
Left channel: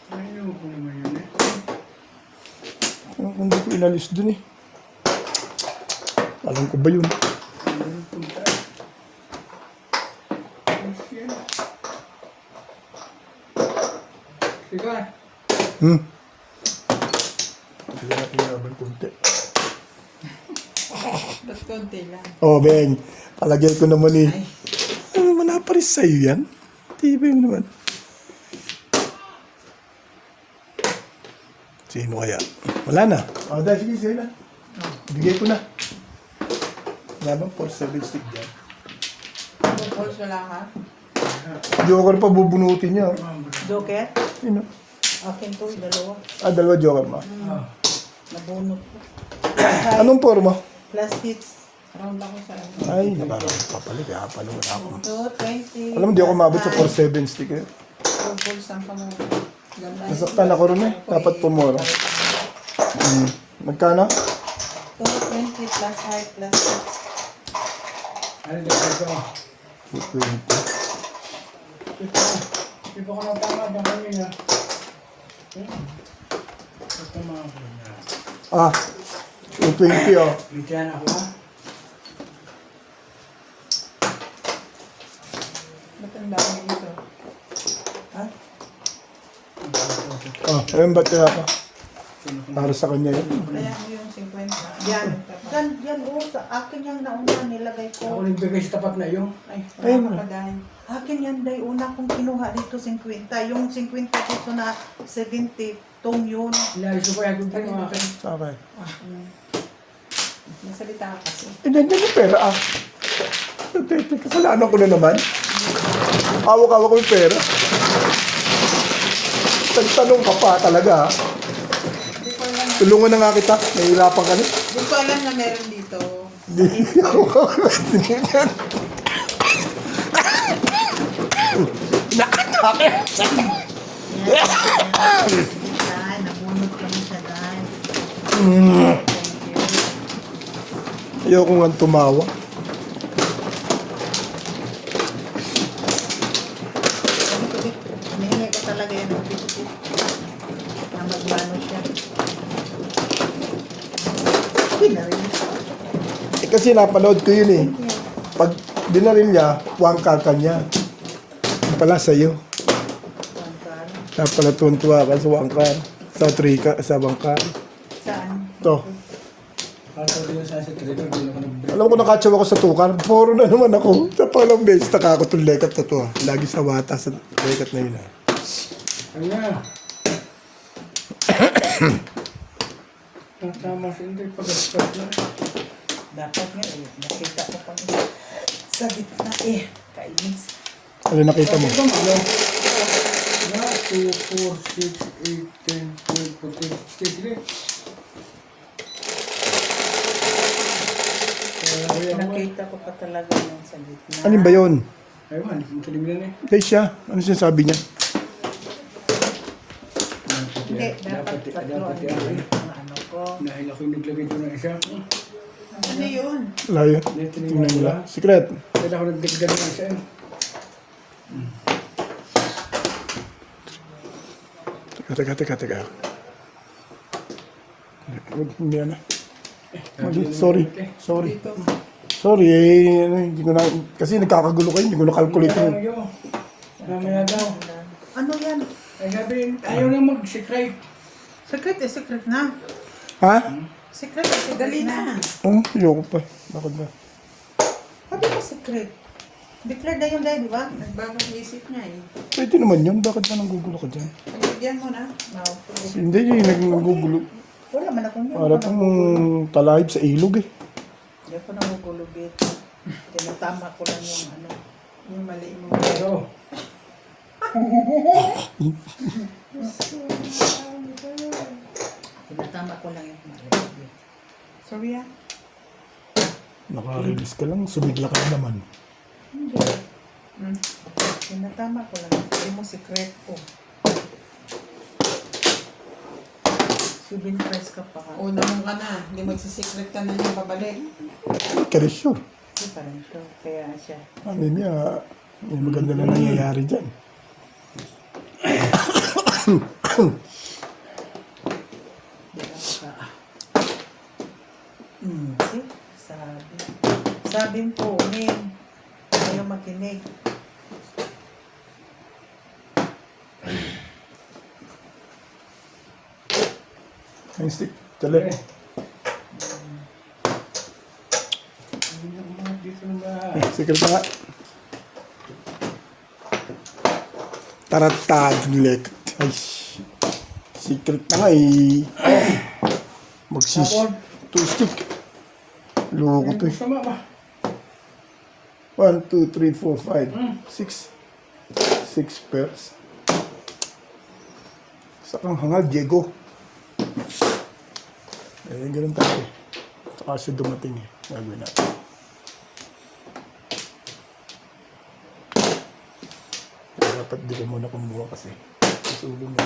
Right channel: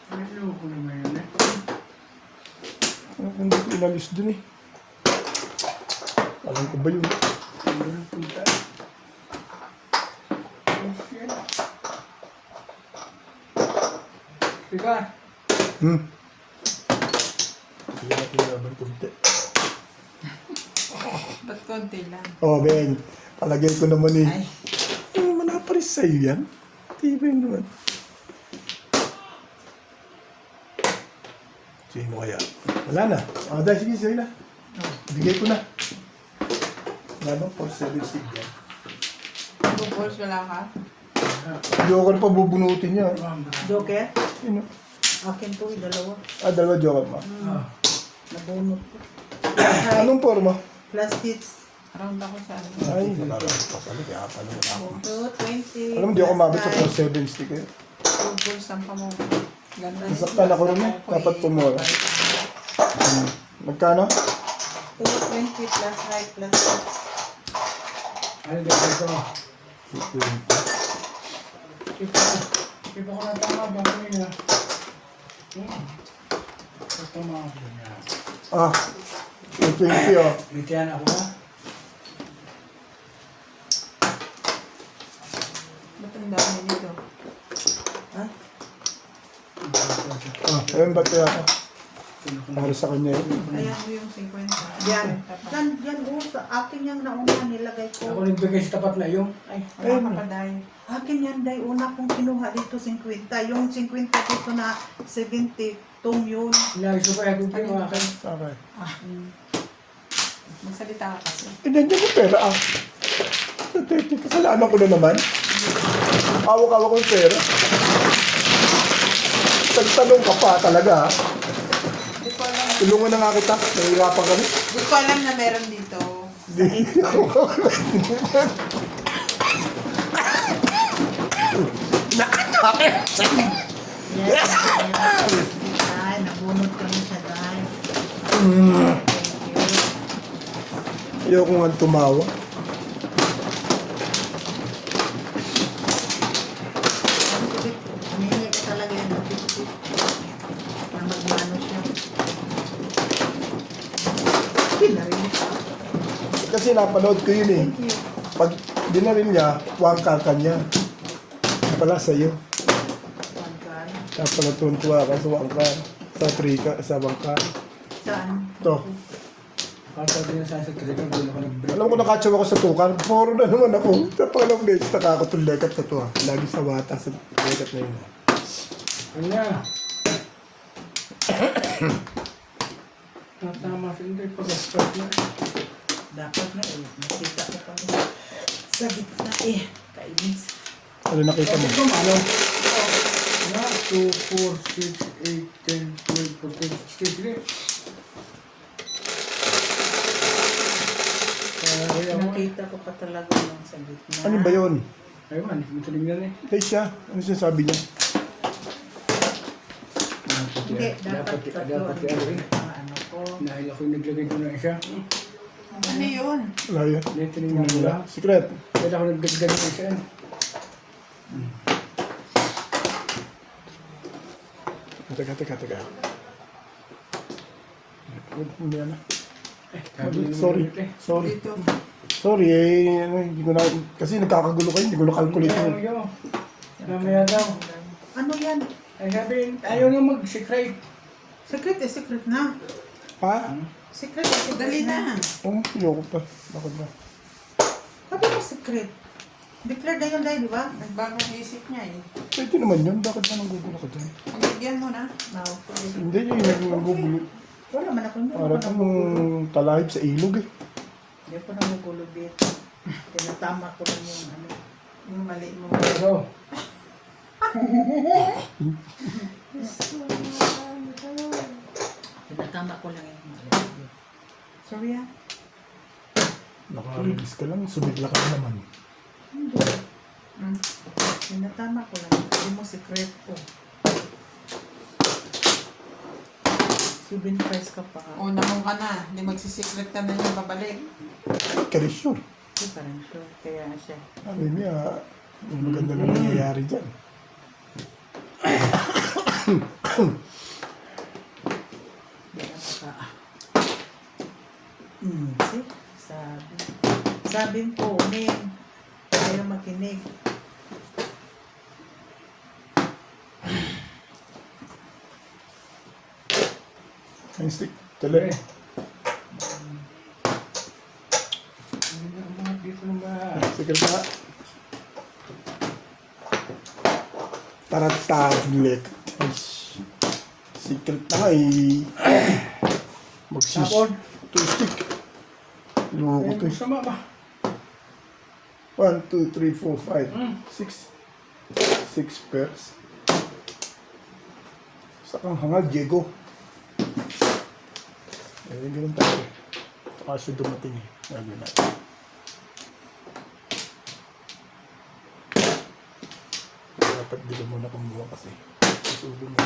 Ano ko naman yun eh? Hindi ko inalis dun eh. Alam ko ba yun? Ano yung punta? Yes, yan. Ika, Hindi natin naman kunti. Ba't konti lang? Oh, Beng. Palagay ko naman eh. Ay, wala pa rin sa'yo yan. Tibay mo naman. Sino kaya? Wala na. Oh, dahil sige, sa'yo na. Bigay ko na. Wala bang 4-7 stick yan? Two balls wala ka? Joker pa bubunutin niya. Joker? Sino? Akin to, dalawa. Dalawa joker ma. Nabunot ko. Anong forma? Plus hits. Round ako sa Ay, nakaraan pa pala. Kaya pala ako. 2, 20. Alam mo, di ako mabot sa 4-7 stick eh. Two balls ang kamura. Ganda. Nasaktan ako rin eh. Dapat pumura. Magkano? 220 plus height plus hits. ano yung ito? 220. Ito ko na tama ba kanina? Ito mga ko na. Ah, 220 oh. Bitiyan ako ha? Ba't ang dami nito? Ha? Ah, ayun ba't kaya ako? Para sa kanya yun. Kaya mo yung 50. Yan. Yan, oh, sa akin yung nauna nilagay Ako ko. nagbigay sa tapat na yung. Ay, wala ka pa dahil. Akin yan, day, una kong kinuha dito 50. Yung 50 dito na 70, tong yun. Nagso ko ako din yung akin. Okay. Magsalita ka kasi. Nandiyan yung pera ah. Kasalanan ko na naman. Hawak-hawak ko yung pera. Pagtanong ka pa talaga ah. Hindi ko alam. Tulungan na nga kita. Nahihirapan ka rin. Hindi ko alam na meron dito. Dahil, nabunot ko na siya dahil. Thank you. Ayoko nga tumawa. Hinihingi ka talaga yan ng tip-tip. Na magmano siya. Pinarinig ko. Eh, kasi napanood ko yun eh. Thank you. Pag dinaril niya, wangka ka niya. Pala sa'yo. One card. Kaya pala tuwan-tuwa ka sa wangka. Sa trika, sa bangka. Saan? Ito. Para din sa sekreto, hindi ko nag-break. Alam ko nakatsaw ako sa tukar. Puro na naman ako. Sa palang beses, nakako itong lekat na to ah. Lagi sa wata sa lekat na yun ah. Ano nga? Tama sa hindi. Pag-start na. Dapat nga eh. Nakita ko pa sa gitna eh. Kainis. Ano nakita mo? Ito ano? 2, 4, 6, 8, 10, 12, 14, 16. Sige. Nakita ko pa talaga yung sa gitna. Ano ba yun? Ayun, hindi ko tingnan eh. Dahil siya. Ano sinasabi niya? Hindi, dapat tatlo ang yan. ang ano ko. Dahil ako yung naglagay ko ng isa. Ano yun? Layo. Hindi, Tingnan tinignan ko nila. lang. Secret. Dahil ako nagdagdag ng isa. Teka. Hindi na. Sorry. Dito. Sorry eh. Hindi ko na, kasi nagkakagulo kayo. Hindi ko na-calculate yun. Mamaya daw. Ano yan? Ay sabi, ayaw na mag-secret. Secret eh, secret na. Ha? Secret eh, secret Dali na. Oh, ayoko pa. Bakit ba? Sabi ko secret. Declare na yun dahil, di ba? Nagbagong isip niya eh. Pwede naman yun. Bakit ba nanggugulo ka dyan? Pagbigyan mo na. No. Hindi yung nanggugulo. Wala man ako. Hindi Para ako pong nagugulo. talahib sa ilog eh. Hindi ako nagugulo, bit. Tinatama ko lang yung ano. Yung mali mo. Pero, Natama ko lang yung mali. Sorry ah. Nakarilis ka lang, sumigla ka naman. Hindi. Tinatama ko lang. Hindi mo secret ko. 7 price ka pa. Una mo ka na. Hindi magsisikret ka na yung babalik. Kaya sure. Hindi pa rin sure. Kaya siya. Ano niya, may maganda na nangyayari dyan. Hindi na baka. See? Sabi. Sabi po, Ning. Ayaw makinig. Yung stick, tuloy. Hindi na umangat dito ng bahay. Secret na nga. Taratadlek. Ay, secret na nga eh. Magsis. Tapon. Two stick. Loko to eh. Sama ba? 1, 2, 3, 4, 5, 6. 6 pairs. Sa kang hangal, Diego. Eh, ganun tayo. Saka siya dumating eh. Gagawin natin. Dapat di ka muna kumuha kasi. Susulo mo.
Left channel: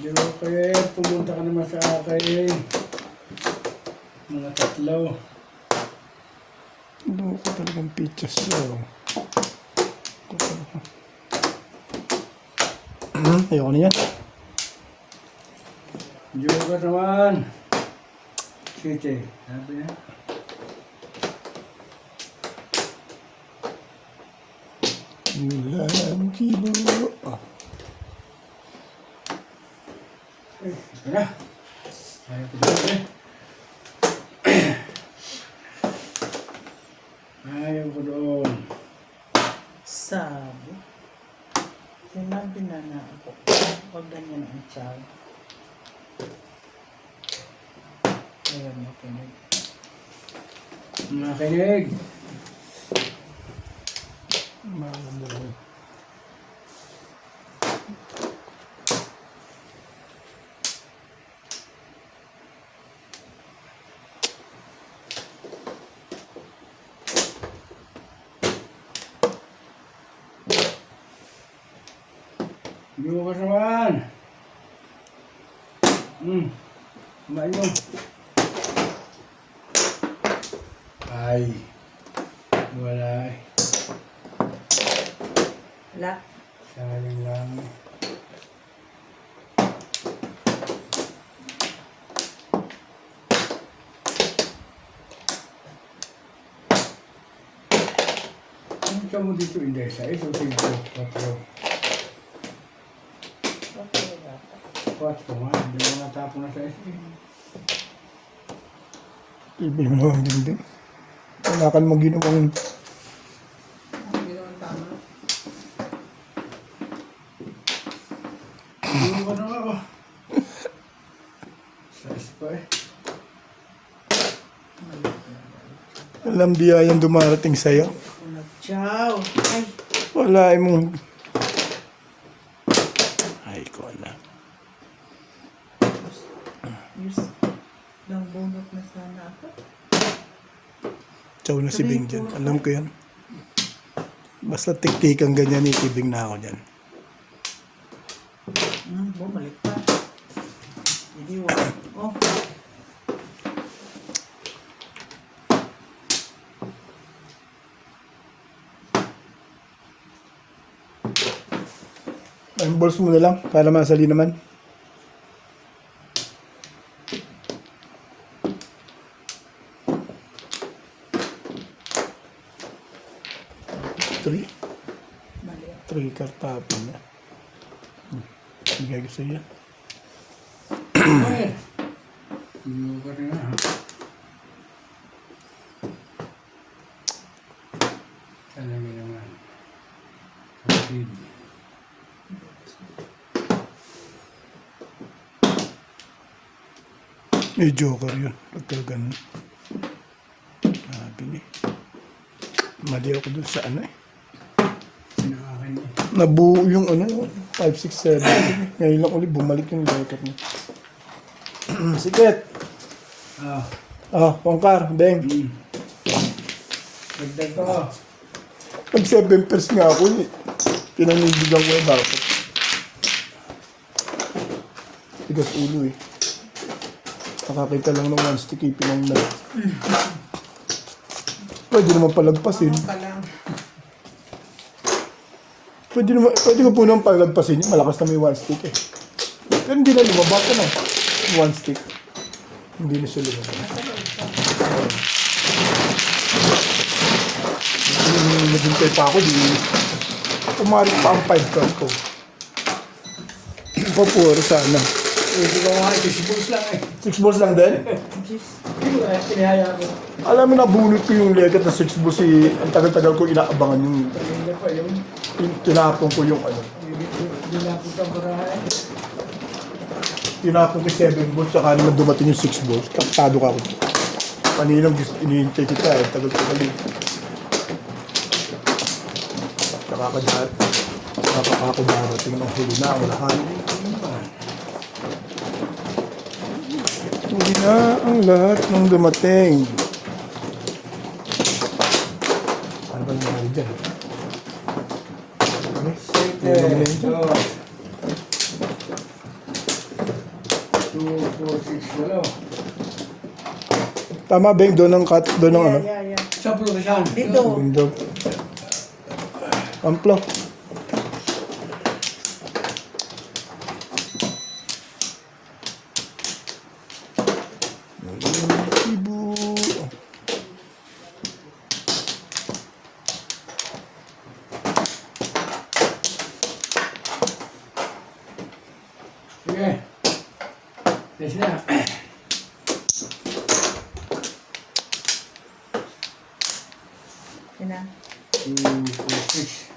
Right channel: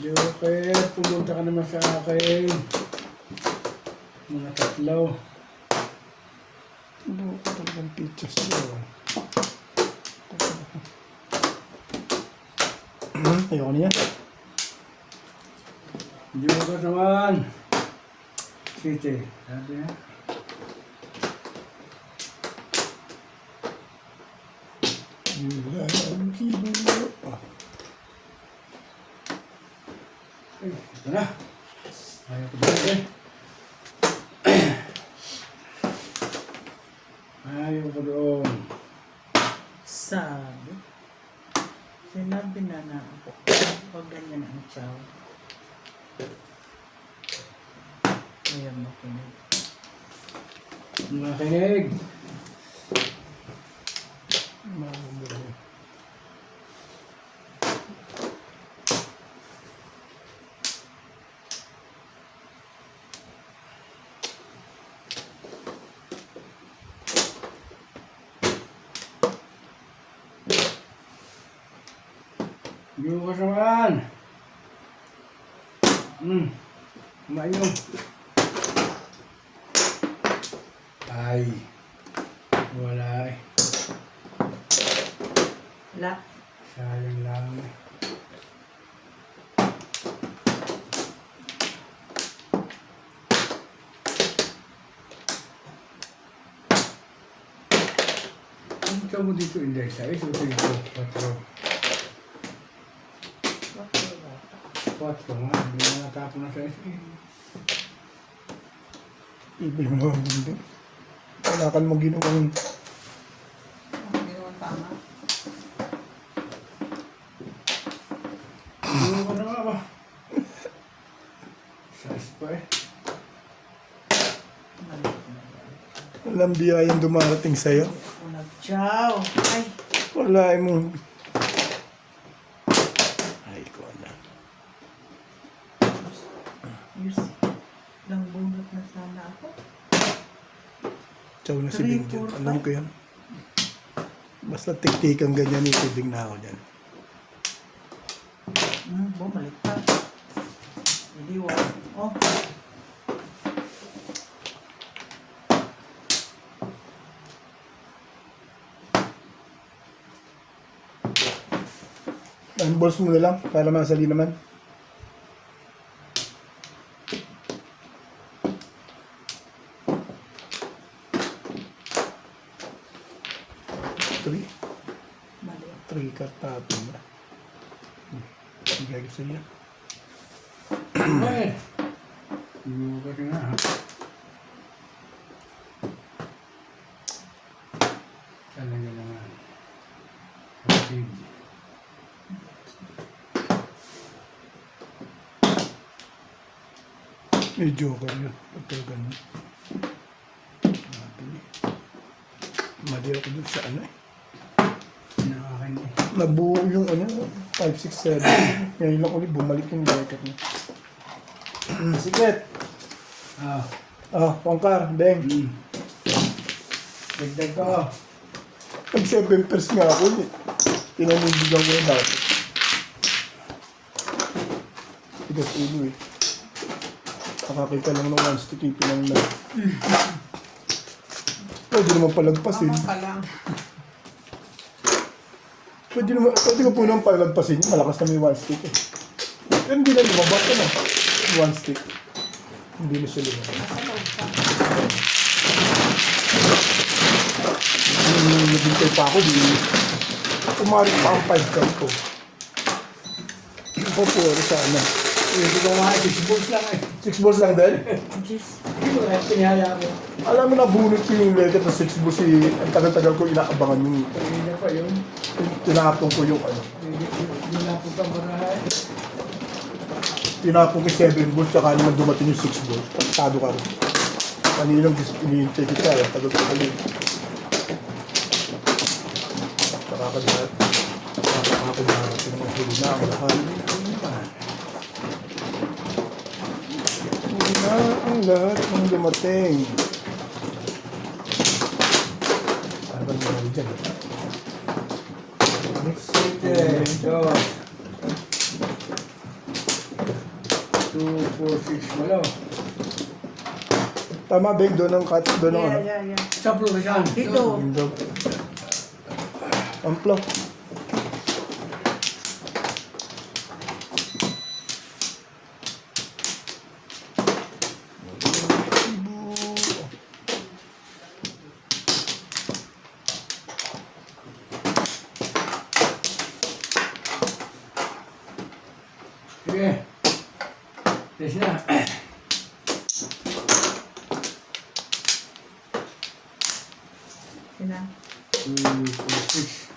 Joker, pumunta ka naman sa akin. Mga tatlo. Ano ko talagang pictures niya. Ayoko na yan. Joker naman. City. Sabi niya. Yulang kibulo. Oh. Ito na. Ayaw ko dito. Ayaw ko doon. Sabi. Sinabi na na ako. Huwag ganyan ang chow. Ayaw makinig. Makinig. Mamumuhay. Joker naman. Kumain mo. Ay. Wala eh. Wala. Sayang lang. Ang ka mo dito, Inday, sa iso, 5, 4. Bakit wala pa? 4 nga, hindi mo natapon na sa iso. Ibig mo naman hindi. Wala ka namang ginawang Hindi naman tama. Ano ka na nga ba? Sais pa eh. Mali na wala. alam biyayang dumarating sa'yo. Ako nag-chow. Ay. Wala mo. Ay, ko na. Yes. Lang bunot na sana ako. Chow na si Bing dyan. Alam ko yan. Basta tik-tikang ganyan, itibing na ako dyan. Bumalik pa. Hindi wala. Oh. Balls mo na lang para masali naman. Three. Mali. 3 kartapon na. Bigay ko sa'yo. Ay! Joker na ha. Talaga naman. Kapatid. May joker yun. Pagka ganun. Sabi niya. Mali ako dun sa ano eh. Pinakakan eh. Nabuo yung ano, 5, 6, 7. Ngayon lang ulit bumalik yung record niya. Sikret. Ah. Ah, Wangkar, Beng. Dagdag ko. Pag 7 pairs nga ako, pinanindigan ko na dapat. Tigas ulo eh. Nakakita lang ng non-stick, ipinang na. Pwede naman palagpasin. Ako pa lang. Pwede ko po nang palagpasin yun. Malakas na may one stick eh. Pero hindi na lumabas na. One stick. Hindi na siya lumabas. Nung naghintay pa ako, umarap pa ang 5 card ko. Papuro sana. Hindi ko mga 6 balls lang eh. 6 balls lang din? Pinihaya ko. Alam mo na bunot ko yung legat na 6 balls eh. Ang tagal-tagal ko inaabangan yung Hindi pa yung tinapon ko yung ano. hindi na po kang barahay. Tinapon ko 7 balls saka naman dumating yung 6 balls. Kapitado ka rin. Kaninang inihintay kita eh. Tagal-tagal yun. Nakakadara. Pinamahuli na ang lahat. Hindi na ang lahat ng dumating. Parang mahal dyan. Eh, dos. 2, 4, 6, walo. Tama, Beng, doon ang cut, doon ang ano. Yeah. Sa pulusan. Dito. Doon. Amplo. Sige. Yes na. Yun na. 2, 4, 6.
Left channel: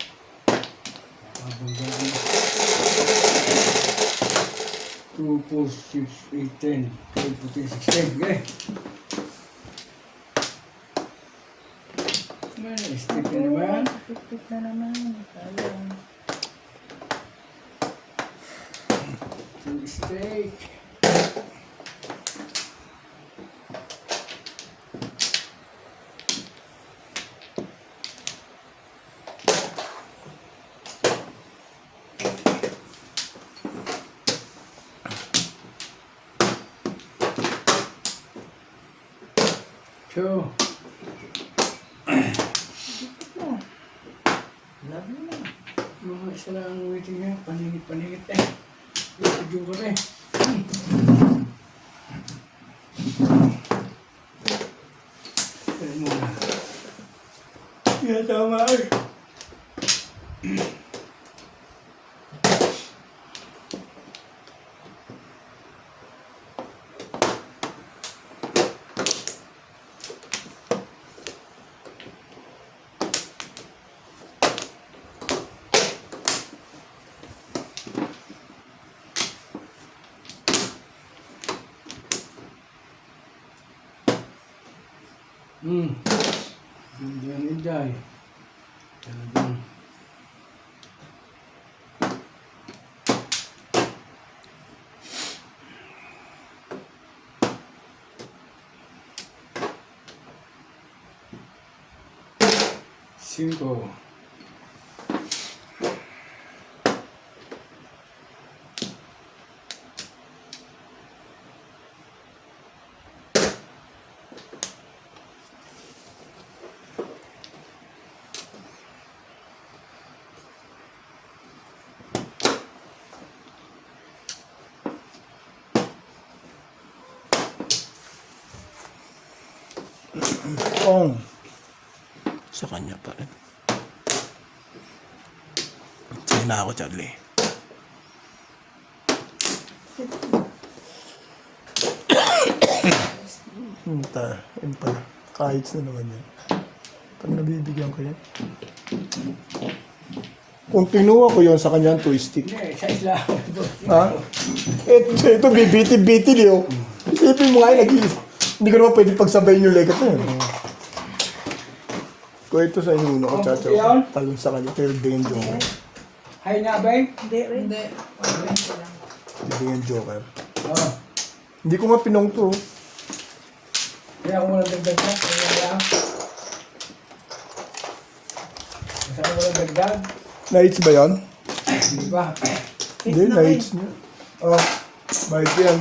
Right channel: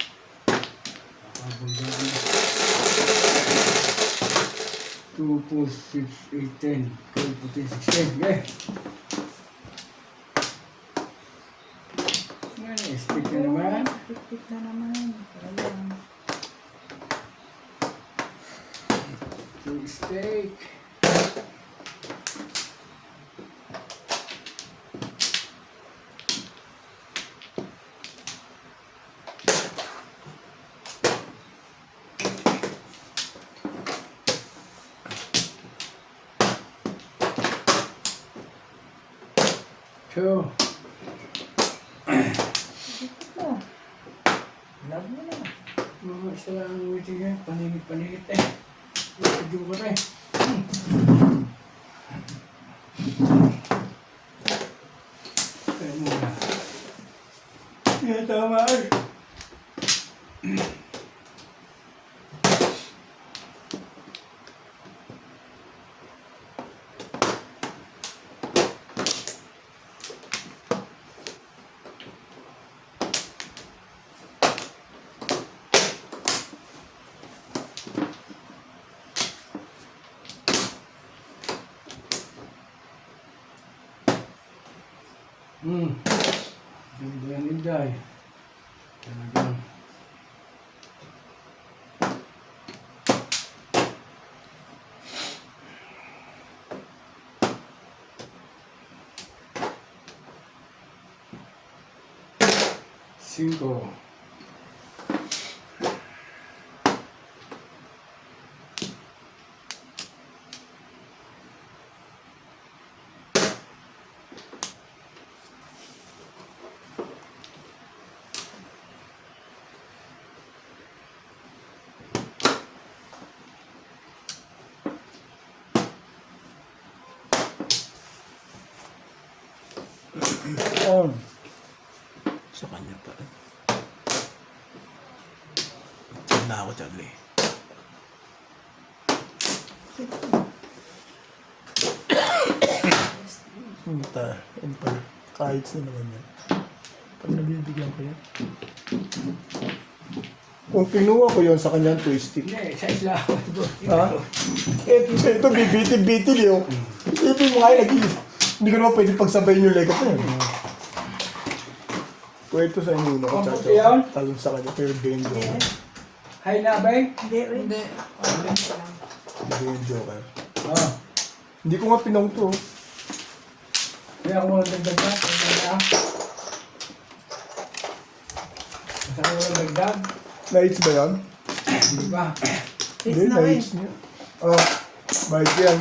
2, 4, 6, 8, 10. 12, 14, 16. Okay. Ngayon, stick na naman. Pipit na naman. Sayang. 2 steak. Two. Oh. Love mo na. Mga isa lang ang waiting niya. Panigit eh. Video ko na eh. Kaya mo na. Yeah, tama eh. Inday. Talagang. Cinco. Oh. Sa kanya pa rin. Sa'yo na ako, Charlie. Hinta. Kahit na naman yan. Pag nabibigyan ko yan. Kung kinuha ko yun sa kanya, twisting. Hindi, sa isla ako. Ha? Ito, bibitin-bitin yun. Isipin mo nga, hindi ko naman pwede pagsabayin yung legat na yun. Kwento sa inyo na Oh, chacho. yun? Talon sa kanya. Pero hindi yung joker. Hay na, bay. Hindi rin. Hindi. Hindi yung joker. Oh. Hindi ko nga pinong to. Kaya ako walang dagdag na. Kaya. Basta ako walang dagdag. Nights ba yan? Hindi ba? Hindi, It's na rin. nights niya. Oh, bait yan.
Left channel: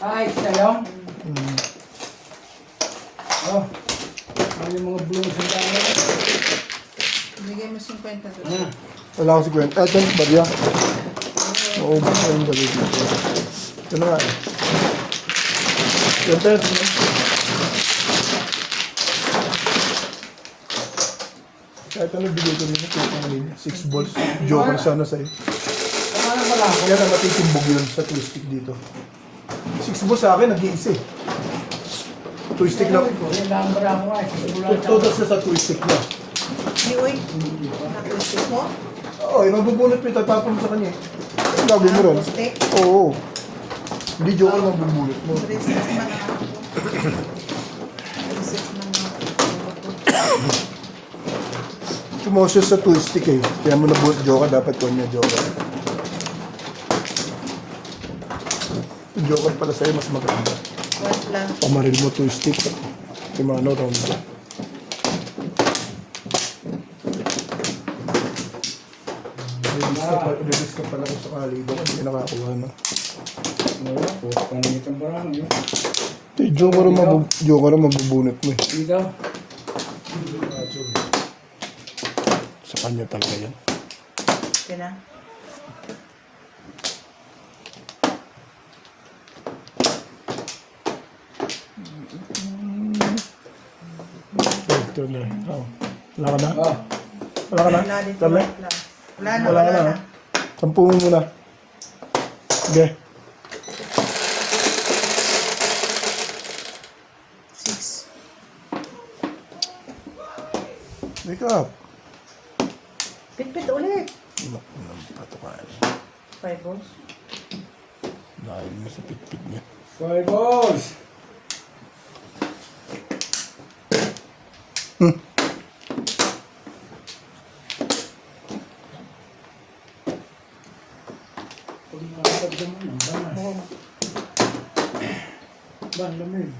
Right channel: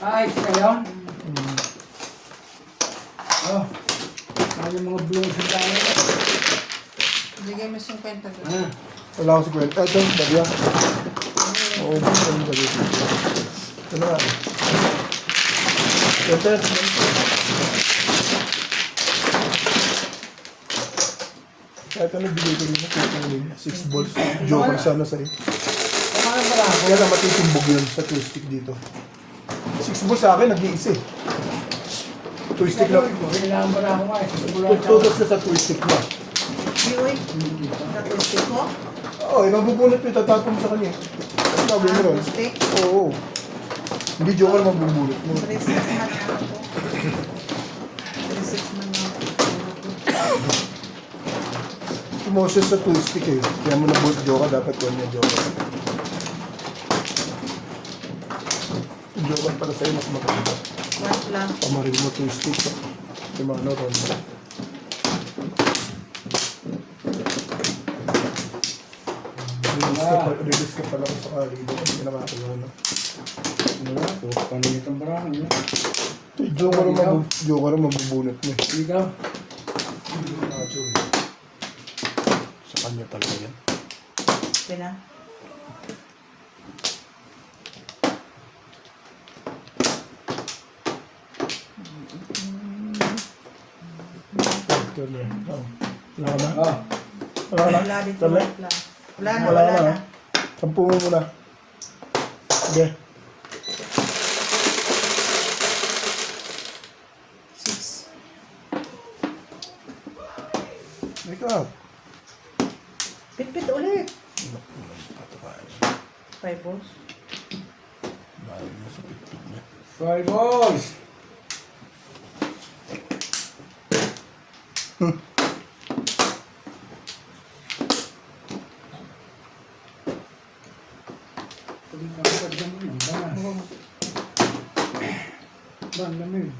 Ay, na yun? Oh. Ano yung mga blue sa dami? Bigay mo 50. Ano? Wala akong 50. Ito yung barya. Oo, basta yung barya dito. Ito na nga eh. Siyempre, kahit ano bigay ko nila, kahit ano yun, 6 balls. Joker sana sa'yo. Ano na pala? Kaya na matitimbog yun sa twist stick dito. 6 balls sa akin, nag-iisa eh. Twist stick na. Kailangan pala ako nga. Tutos na sa twist stick niya. Di, uy. Sa twisted mo? Oo, yung mabubunot mo, itatapon mo sa kanya. Ang gagawin mo rin. Twisted? Oo. Hindi joker mabubunot mo. Braces man ang ano ko. Braces man ang ano ko. Kumosyo sa twist stick eh. Kaya mo na joker, dapat yun yung joker. Yung joker pala sa'yo, mas maganda. What lang? Kumaril mo twist stick. Kumano, ronda. Release ka pala ko sa kalibo. Hindi nakakuha na. Wala po. Paningit ang barang. Ito yung joker ang magbubunot mo eh. Dito. Sa kanya talaga yan. Okay na. Ito na eh. Oh. Wala ka na? Oh. Wala ka na? Wala dito. Wala? Wala na, wala na. Sampu mo muna. Sige. 6. Wake up. Pitpit ulit. Patakain. 5 balls. Dahil mo sa pitpit niya. 12 balls. Pag nakakagdan mo, banas. Oo. Ba, ang lamig.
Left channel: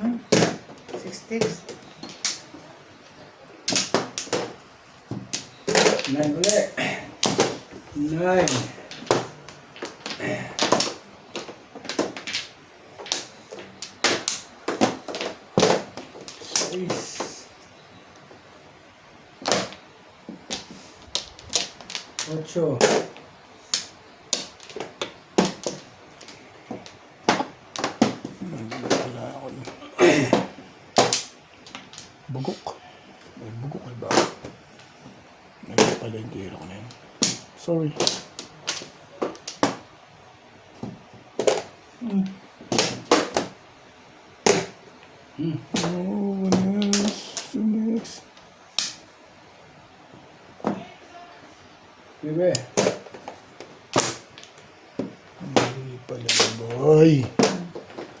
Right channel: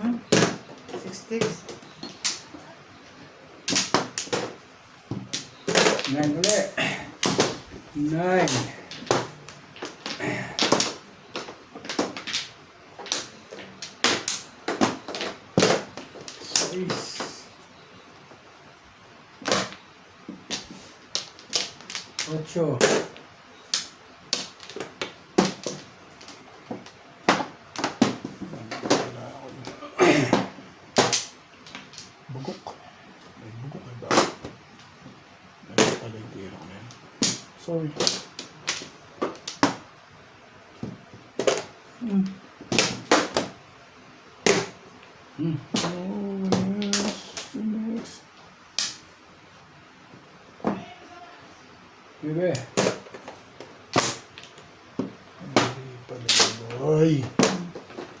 Hmm? 6 sticks. 9 ulit. 9. Ocho. Bugok. May bugok na ba? May pala yung gero ko na yan. Sorry. Oh, next. Next. Bebe. Hindi pala, boy.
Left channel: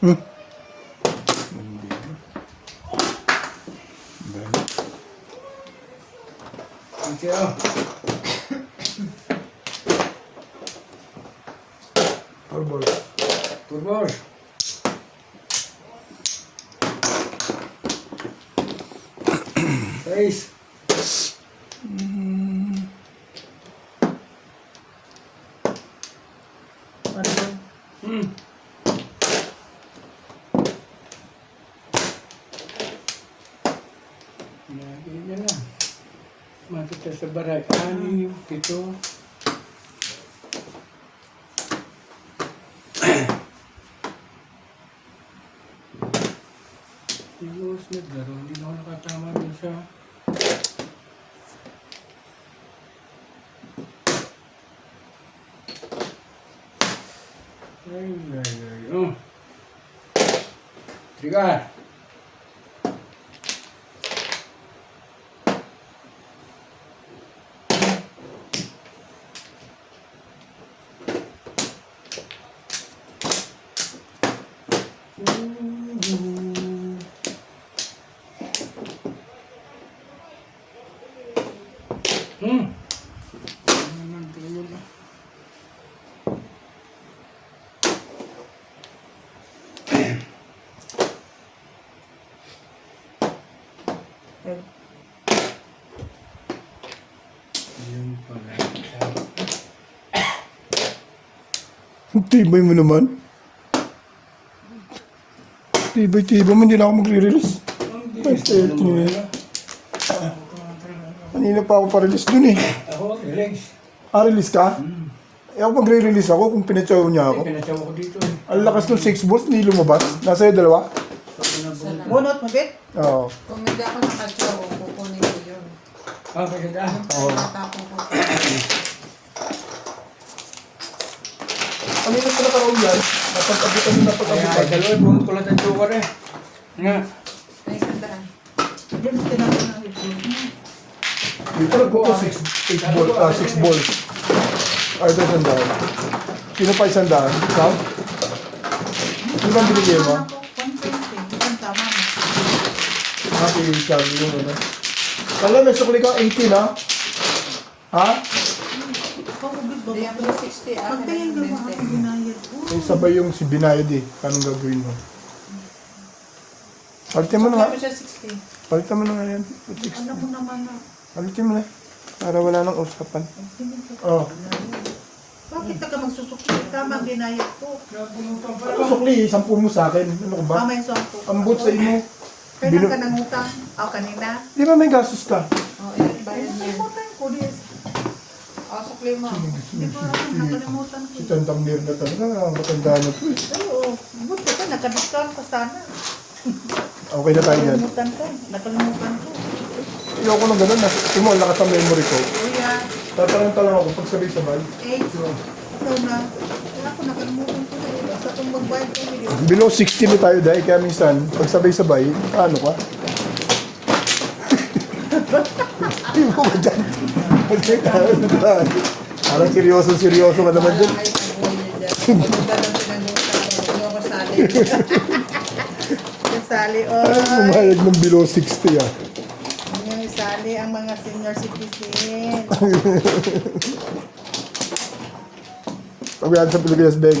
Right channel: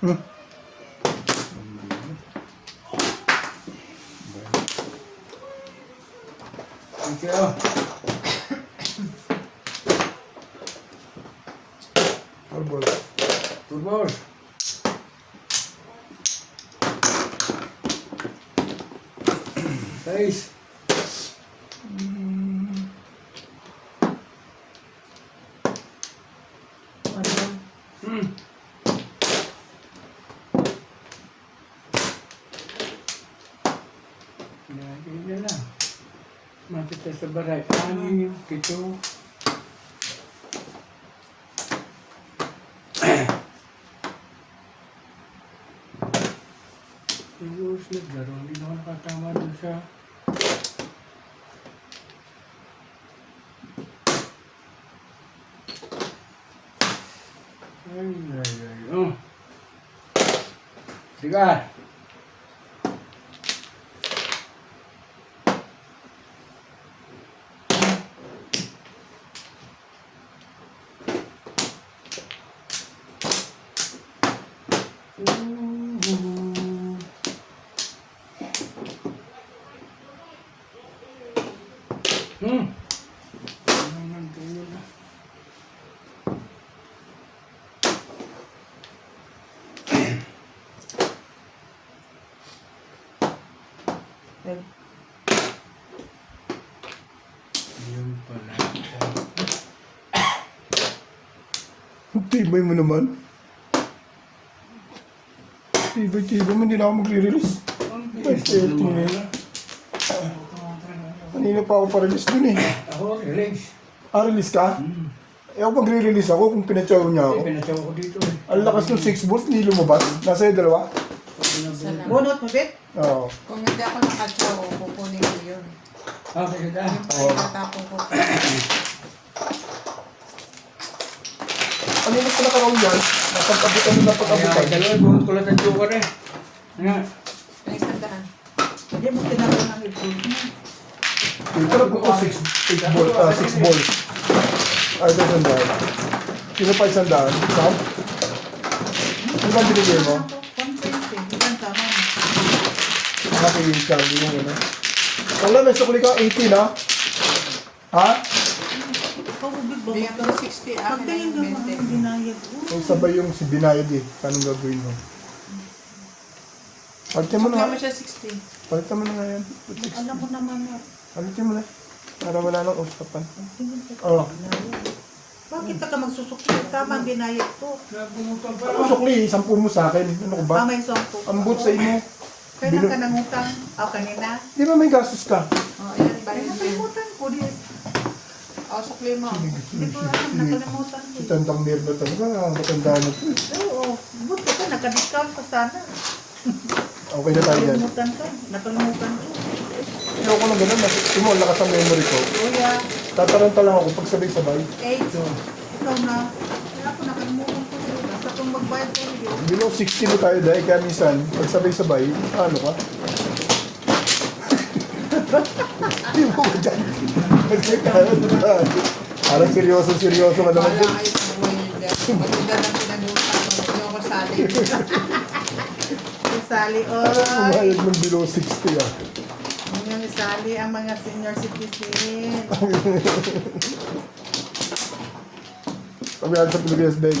Hmm. Thank you. Arbor. 2 balls. Seis. One ball. Ganyan lang. Makita sa baray. 6, 7. Siguro naglaro, hindi na ako nakatama dun sa... Ay. Oh. Trigar. Hmm. Eh, Yun pala. Tibay mo naman. Tibay mo, hindi na ako magre-release. Ang bilis mo naman. Kanina pa ako pa-release dun eh. Ako, relax. Release ka? Eh ako magre-release ako kung pinatsaw niya ako. Pinatsaw ko dito eh. Ang lakas ng 6 volts, hindi lumabas. Nasa yung dalawa? bunot mo, Bet? Oo. Kung hindi ako nakatsaw, kukunin ko yun. Okay, kita. Yung pagkatapon ko. Ano yung pinakaroon yan? Napag-abutan na Kaya napag-abutan. dalawa, bunot ko lang ang joker eh. Nga. May sandaan. Hindi mo tinapon ng ito. Ito lang ko 6 volts. Ay, ito sandaan. Sino pa isandaan? Saan? Ano ba binigay mo? 120. Ilan tama mo? Happy yung sabi yung ano. Wala, may sukuli ka 18 ha? Ha? Ikaw, good ba? Hindi ako 60. Pagtingin ka ba? Ang ginayad. Eh, sabay yung si binayad eh. Anong gagawin mo? Palitin mo na nga. Kaya mo siya 60. Palitin mo na nga yan. Alam mo naman na. Palitin mo na. Para wala nang usapan. Pagtingin ka. Oh. Bakit ka magsusukli? Tama ang ginayad ko. Kaya pumunta pa. Ano sukli? Sampur mo sa akin. Ano ka ba? May sampo. Ambot sa inyo. Kailan ka nangutang? O, kanina? Di ba may gastos ka? Oh, ayan, Ay, bayad mo. nakalimutan ko. Di Oh, sukli mo. ko alam, nakalimutan ko. Si Tantang Mir na talaga. Matanda na to. Oo, buti ka, naka-discount pa sana. Okay na tayo yan. Nakalimutan ko. Ayoko na ganun. Tumol, lakas ang memory ko. Kuya, Tataranta lang ako pag sabay-sabay. 8. Ikaw na. Kaya ako nakalimutan ko na. Basta kung magbayad ko yun. Below 60 na tayo dahil kaya minsan, pag sabay-sabay, ano ka? Hindi mo ba dyan? Parang seryoso na naman Wala dyan. kayo sa buhay niyo dyan. Magdala natin ng buta ko. Ayoko sali. Isali, Pumayag ng below 60 ah. yung isali ang mga senior citizen. Pag yan sa Pilipinas, Beg,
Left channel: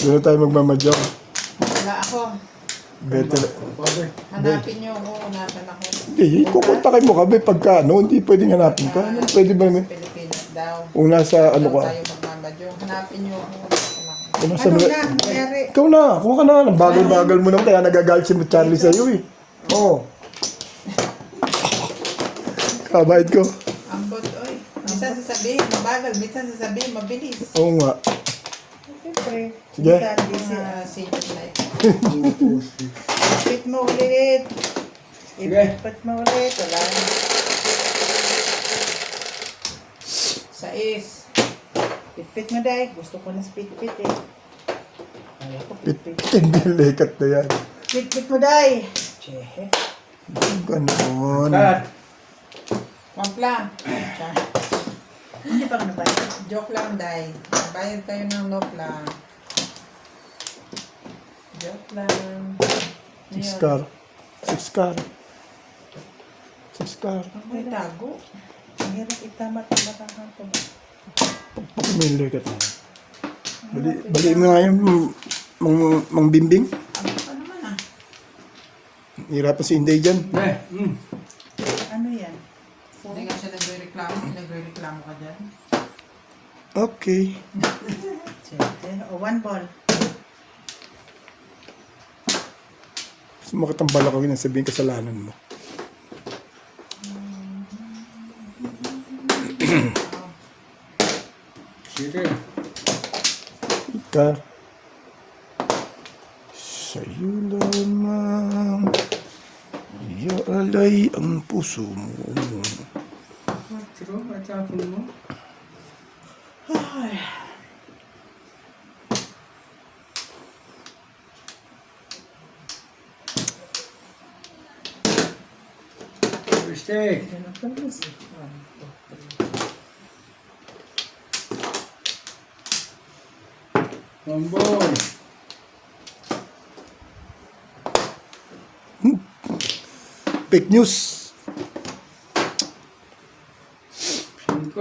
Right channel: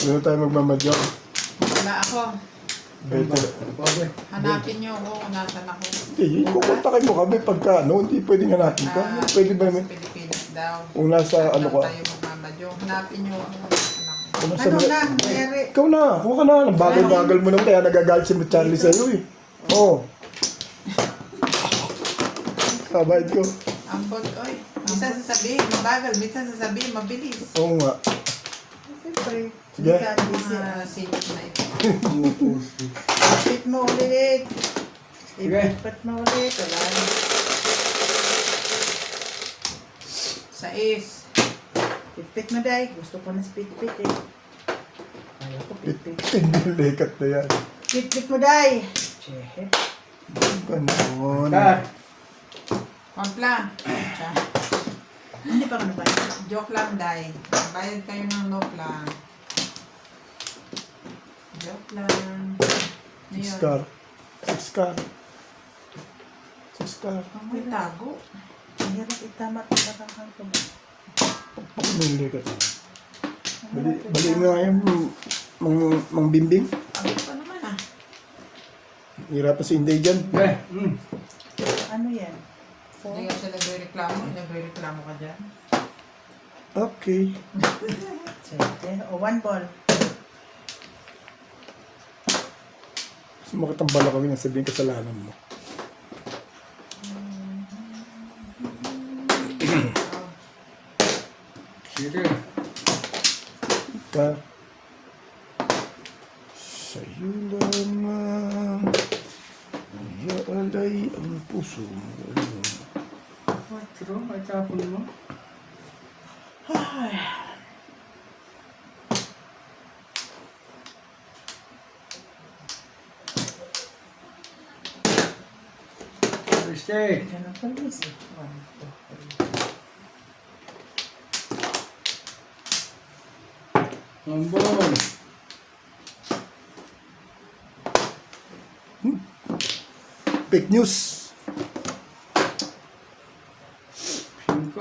doon na tayo magmamadyo. Wala ako. Better. Okay. Hanapin niyo ako kung nasan ako. Hindi, kukontakin mo kami pagka ano, hindi pwedeng hanapin ka. Pwede ba Sa naman? Pilipinas daw. Kung nasa ano ka. Tayo magmabadyo. Hanapin niyo ako. Nasan ako. Kung nasa Ano na, nangyari? Ikaw na, kung ka na. Ang bagal-bagal mo naman, kaya nagagalit si Charlie sa'yo eh. Oo. Kabayad ko. Ambot, oy. Minsan sasabihin, mabagal. Minsan sasabihin, mabilis. Oo nga. Siyempre. Sige. Senior na ito. Ipit mo ulit. Sige. Ipit mo ulit. Wala na. 6. Pitpit mo, Day. Gusto ko na spit-pit eh. Kaya ko pitpit. Hindi lekat na yan. Pitpit mo, Day. Chehe. Ganon. Cut. Mampla. Hindi pa ka nabayad. Joke lang, Day. Bayad kayo ng nopla. Joke lang. Six car. Six car. Six car. May tago. Ang hirap itama at marangan ko mo. May lekat na. Bali mo nga yung mang bimbing. Ano pa naman ah? Hirapan si Inday dyan. Okay. Ano yan? Hindi nga siya nagre-reklamo. Nagre-reklamo ka dyan. Okay. Chehe. O, 1 ball. Sumakit ang balakang yun, sabihin kasalanan mo. Sige. Ka. Sa'yo lamang iaalay ang puso mo. True, matapon mo. Mistake. Ganun pa rin siya. 1, 2, 3. One ball. fake news. 5.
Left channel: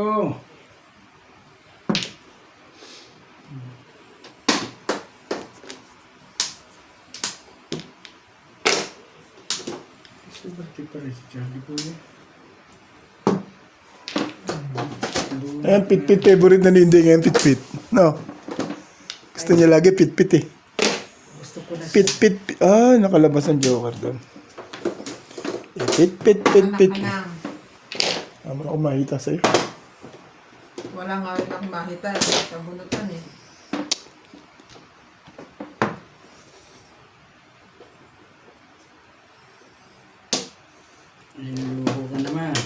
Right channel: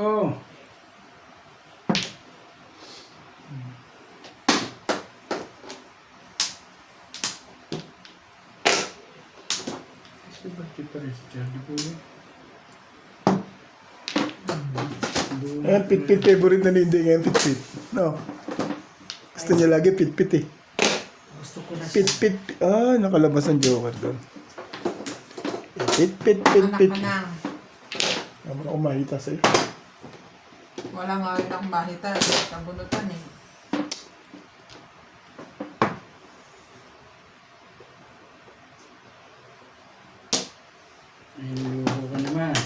Kasi ba ito rin si Charlie po yun? Ayan, pit-pit. Favorite na ni Inday ngayon, pit-pit. No? Gusto niya lagi pit-pit eh. Gusto ko na Pit-pit. Ah, nakalabas ang Joker doon. Pit-pit. Manang. Tama na ako makita sa'yo. Wala nga rin ang mahita. Tabunutan eh. Inuho ka naman.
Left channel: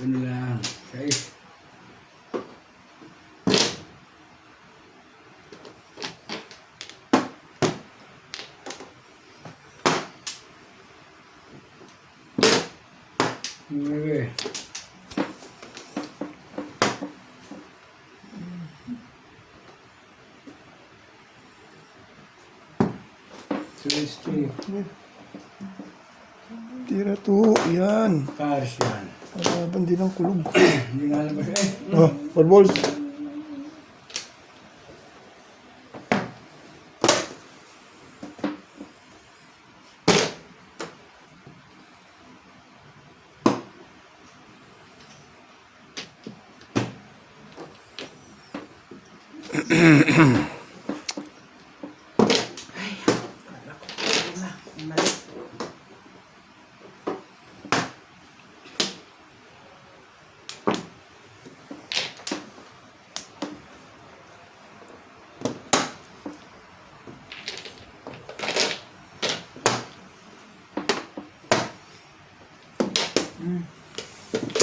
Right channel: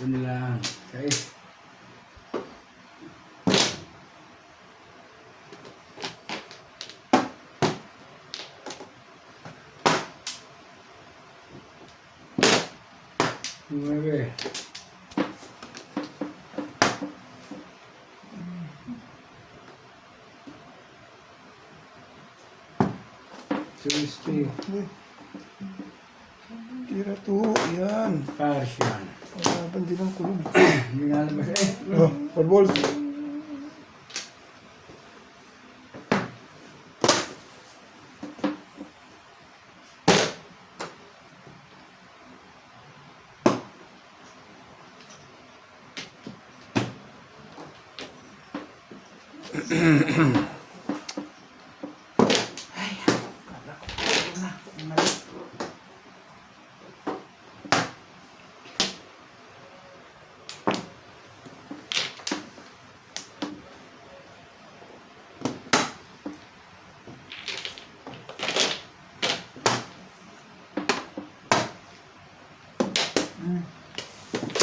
Ano lang. 6. Nueve. Sixty. Tira to. Yan. Parsian. Laban din ang kulog. Hindi nalabas eh. Oh, 4 balls. Kala ko pwede na. Mali.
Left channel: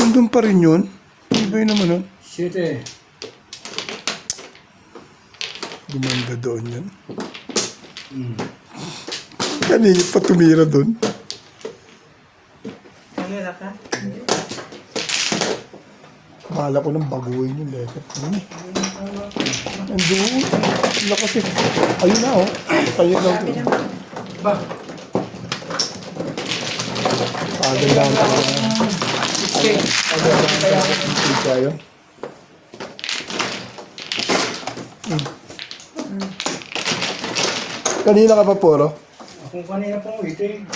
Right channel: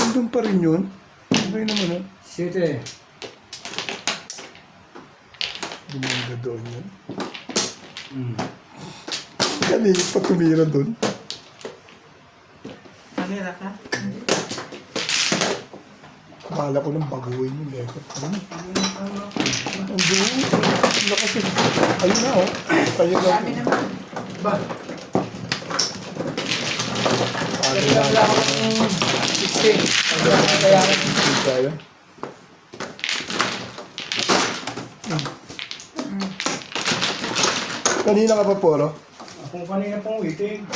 Nandun pa rin yun. Ano ba yun naman nun? 7. Gumanda doon yun. Mm. Kanina pa tumira doon. Nalira ka? Akala ko nang baguhin yung letter. Ano eh? Andun. Lakas eh. Ayun na oh. Tayo na. Sabi naman. Ba? Tayo na. 16. Kaya Dito ayun. Kanina ka pa puro. akong kanina pong waiting.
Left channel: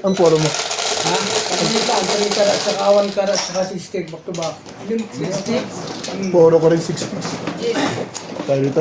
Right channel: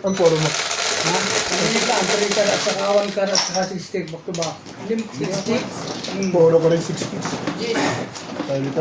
Ang puro mo. Ha? Kanina ka, ang kanina karat sa kawan karat sa 6 stick back to back. 6 sticks? Puro ko rin 6 picks. Yes. Tayo dito.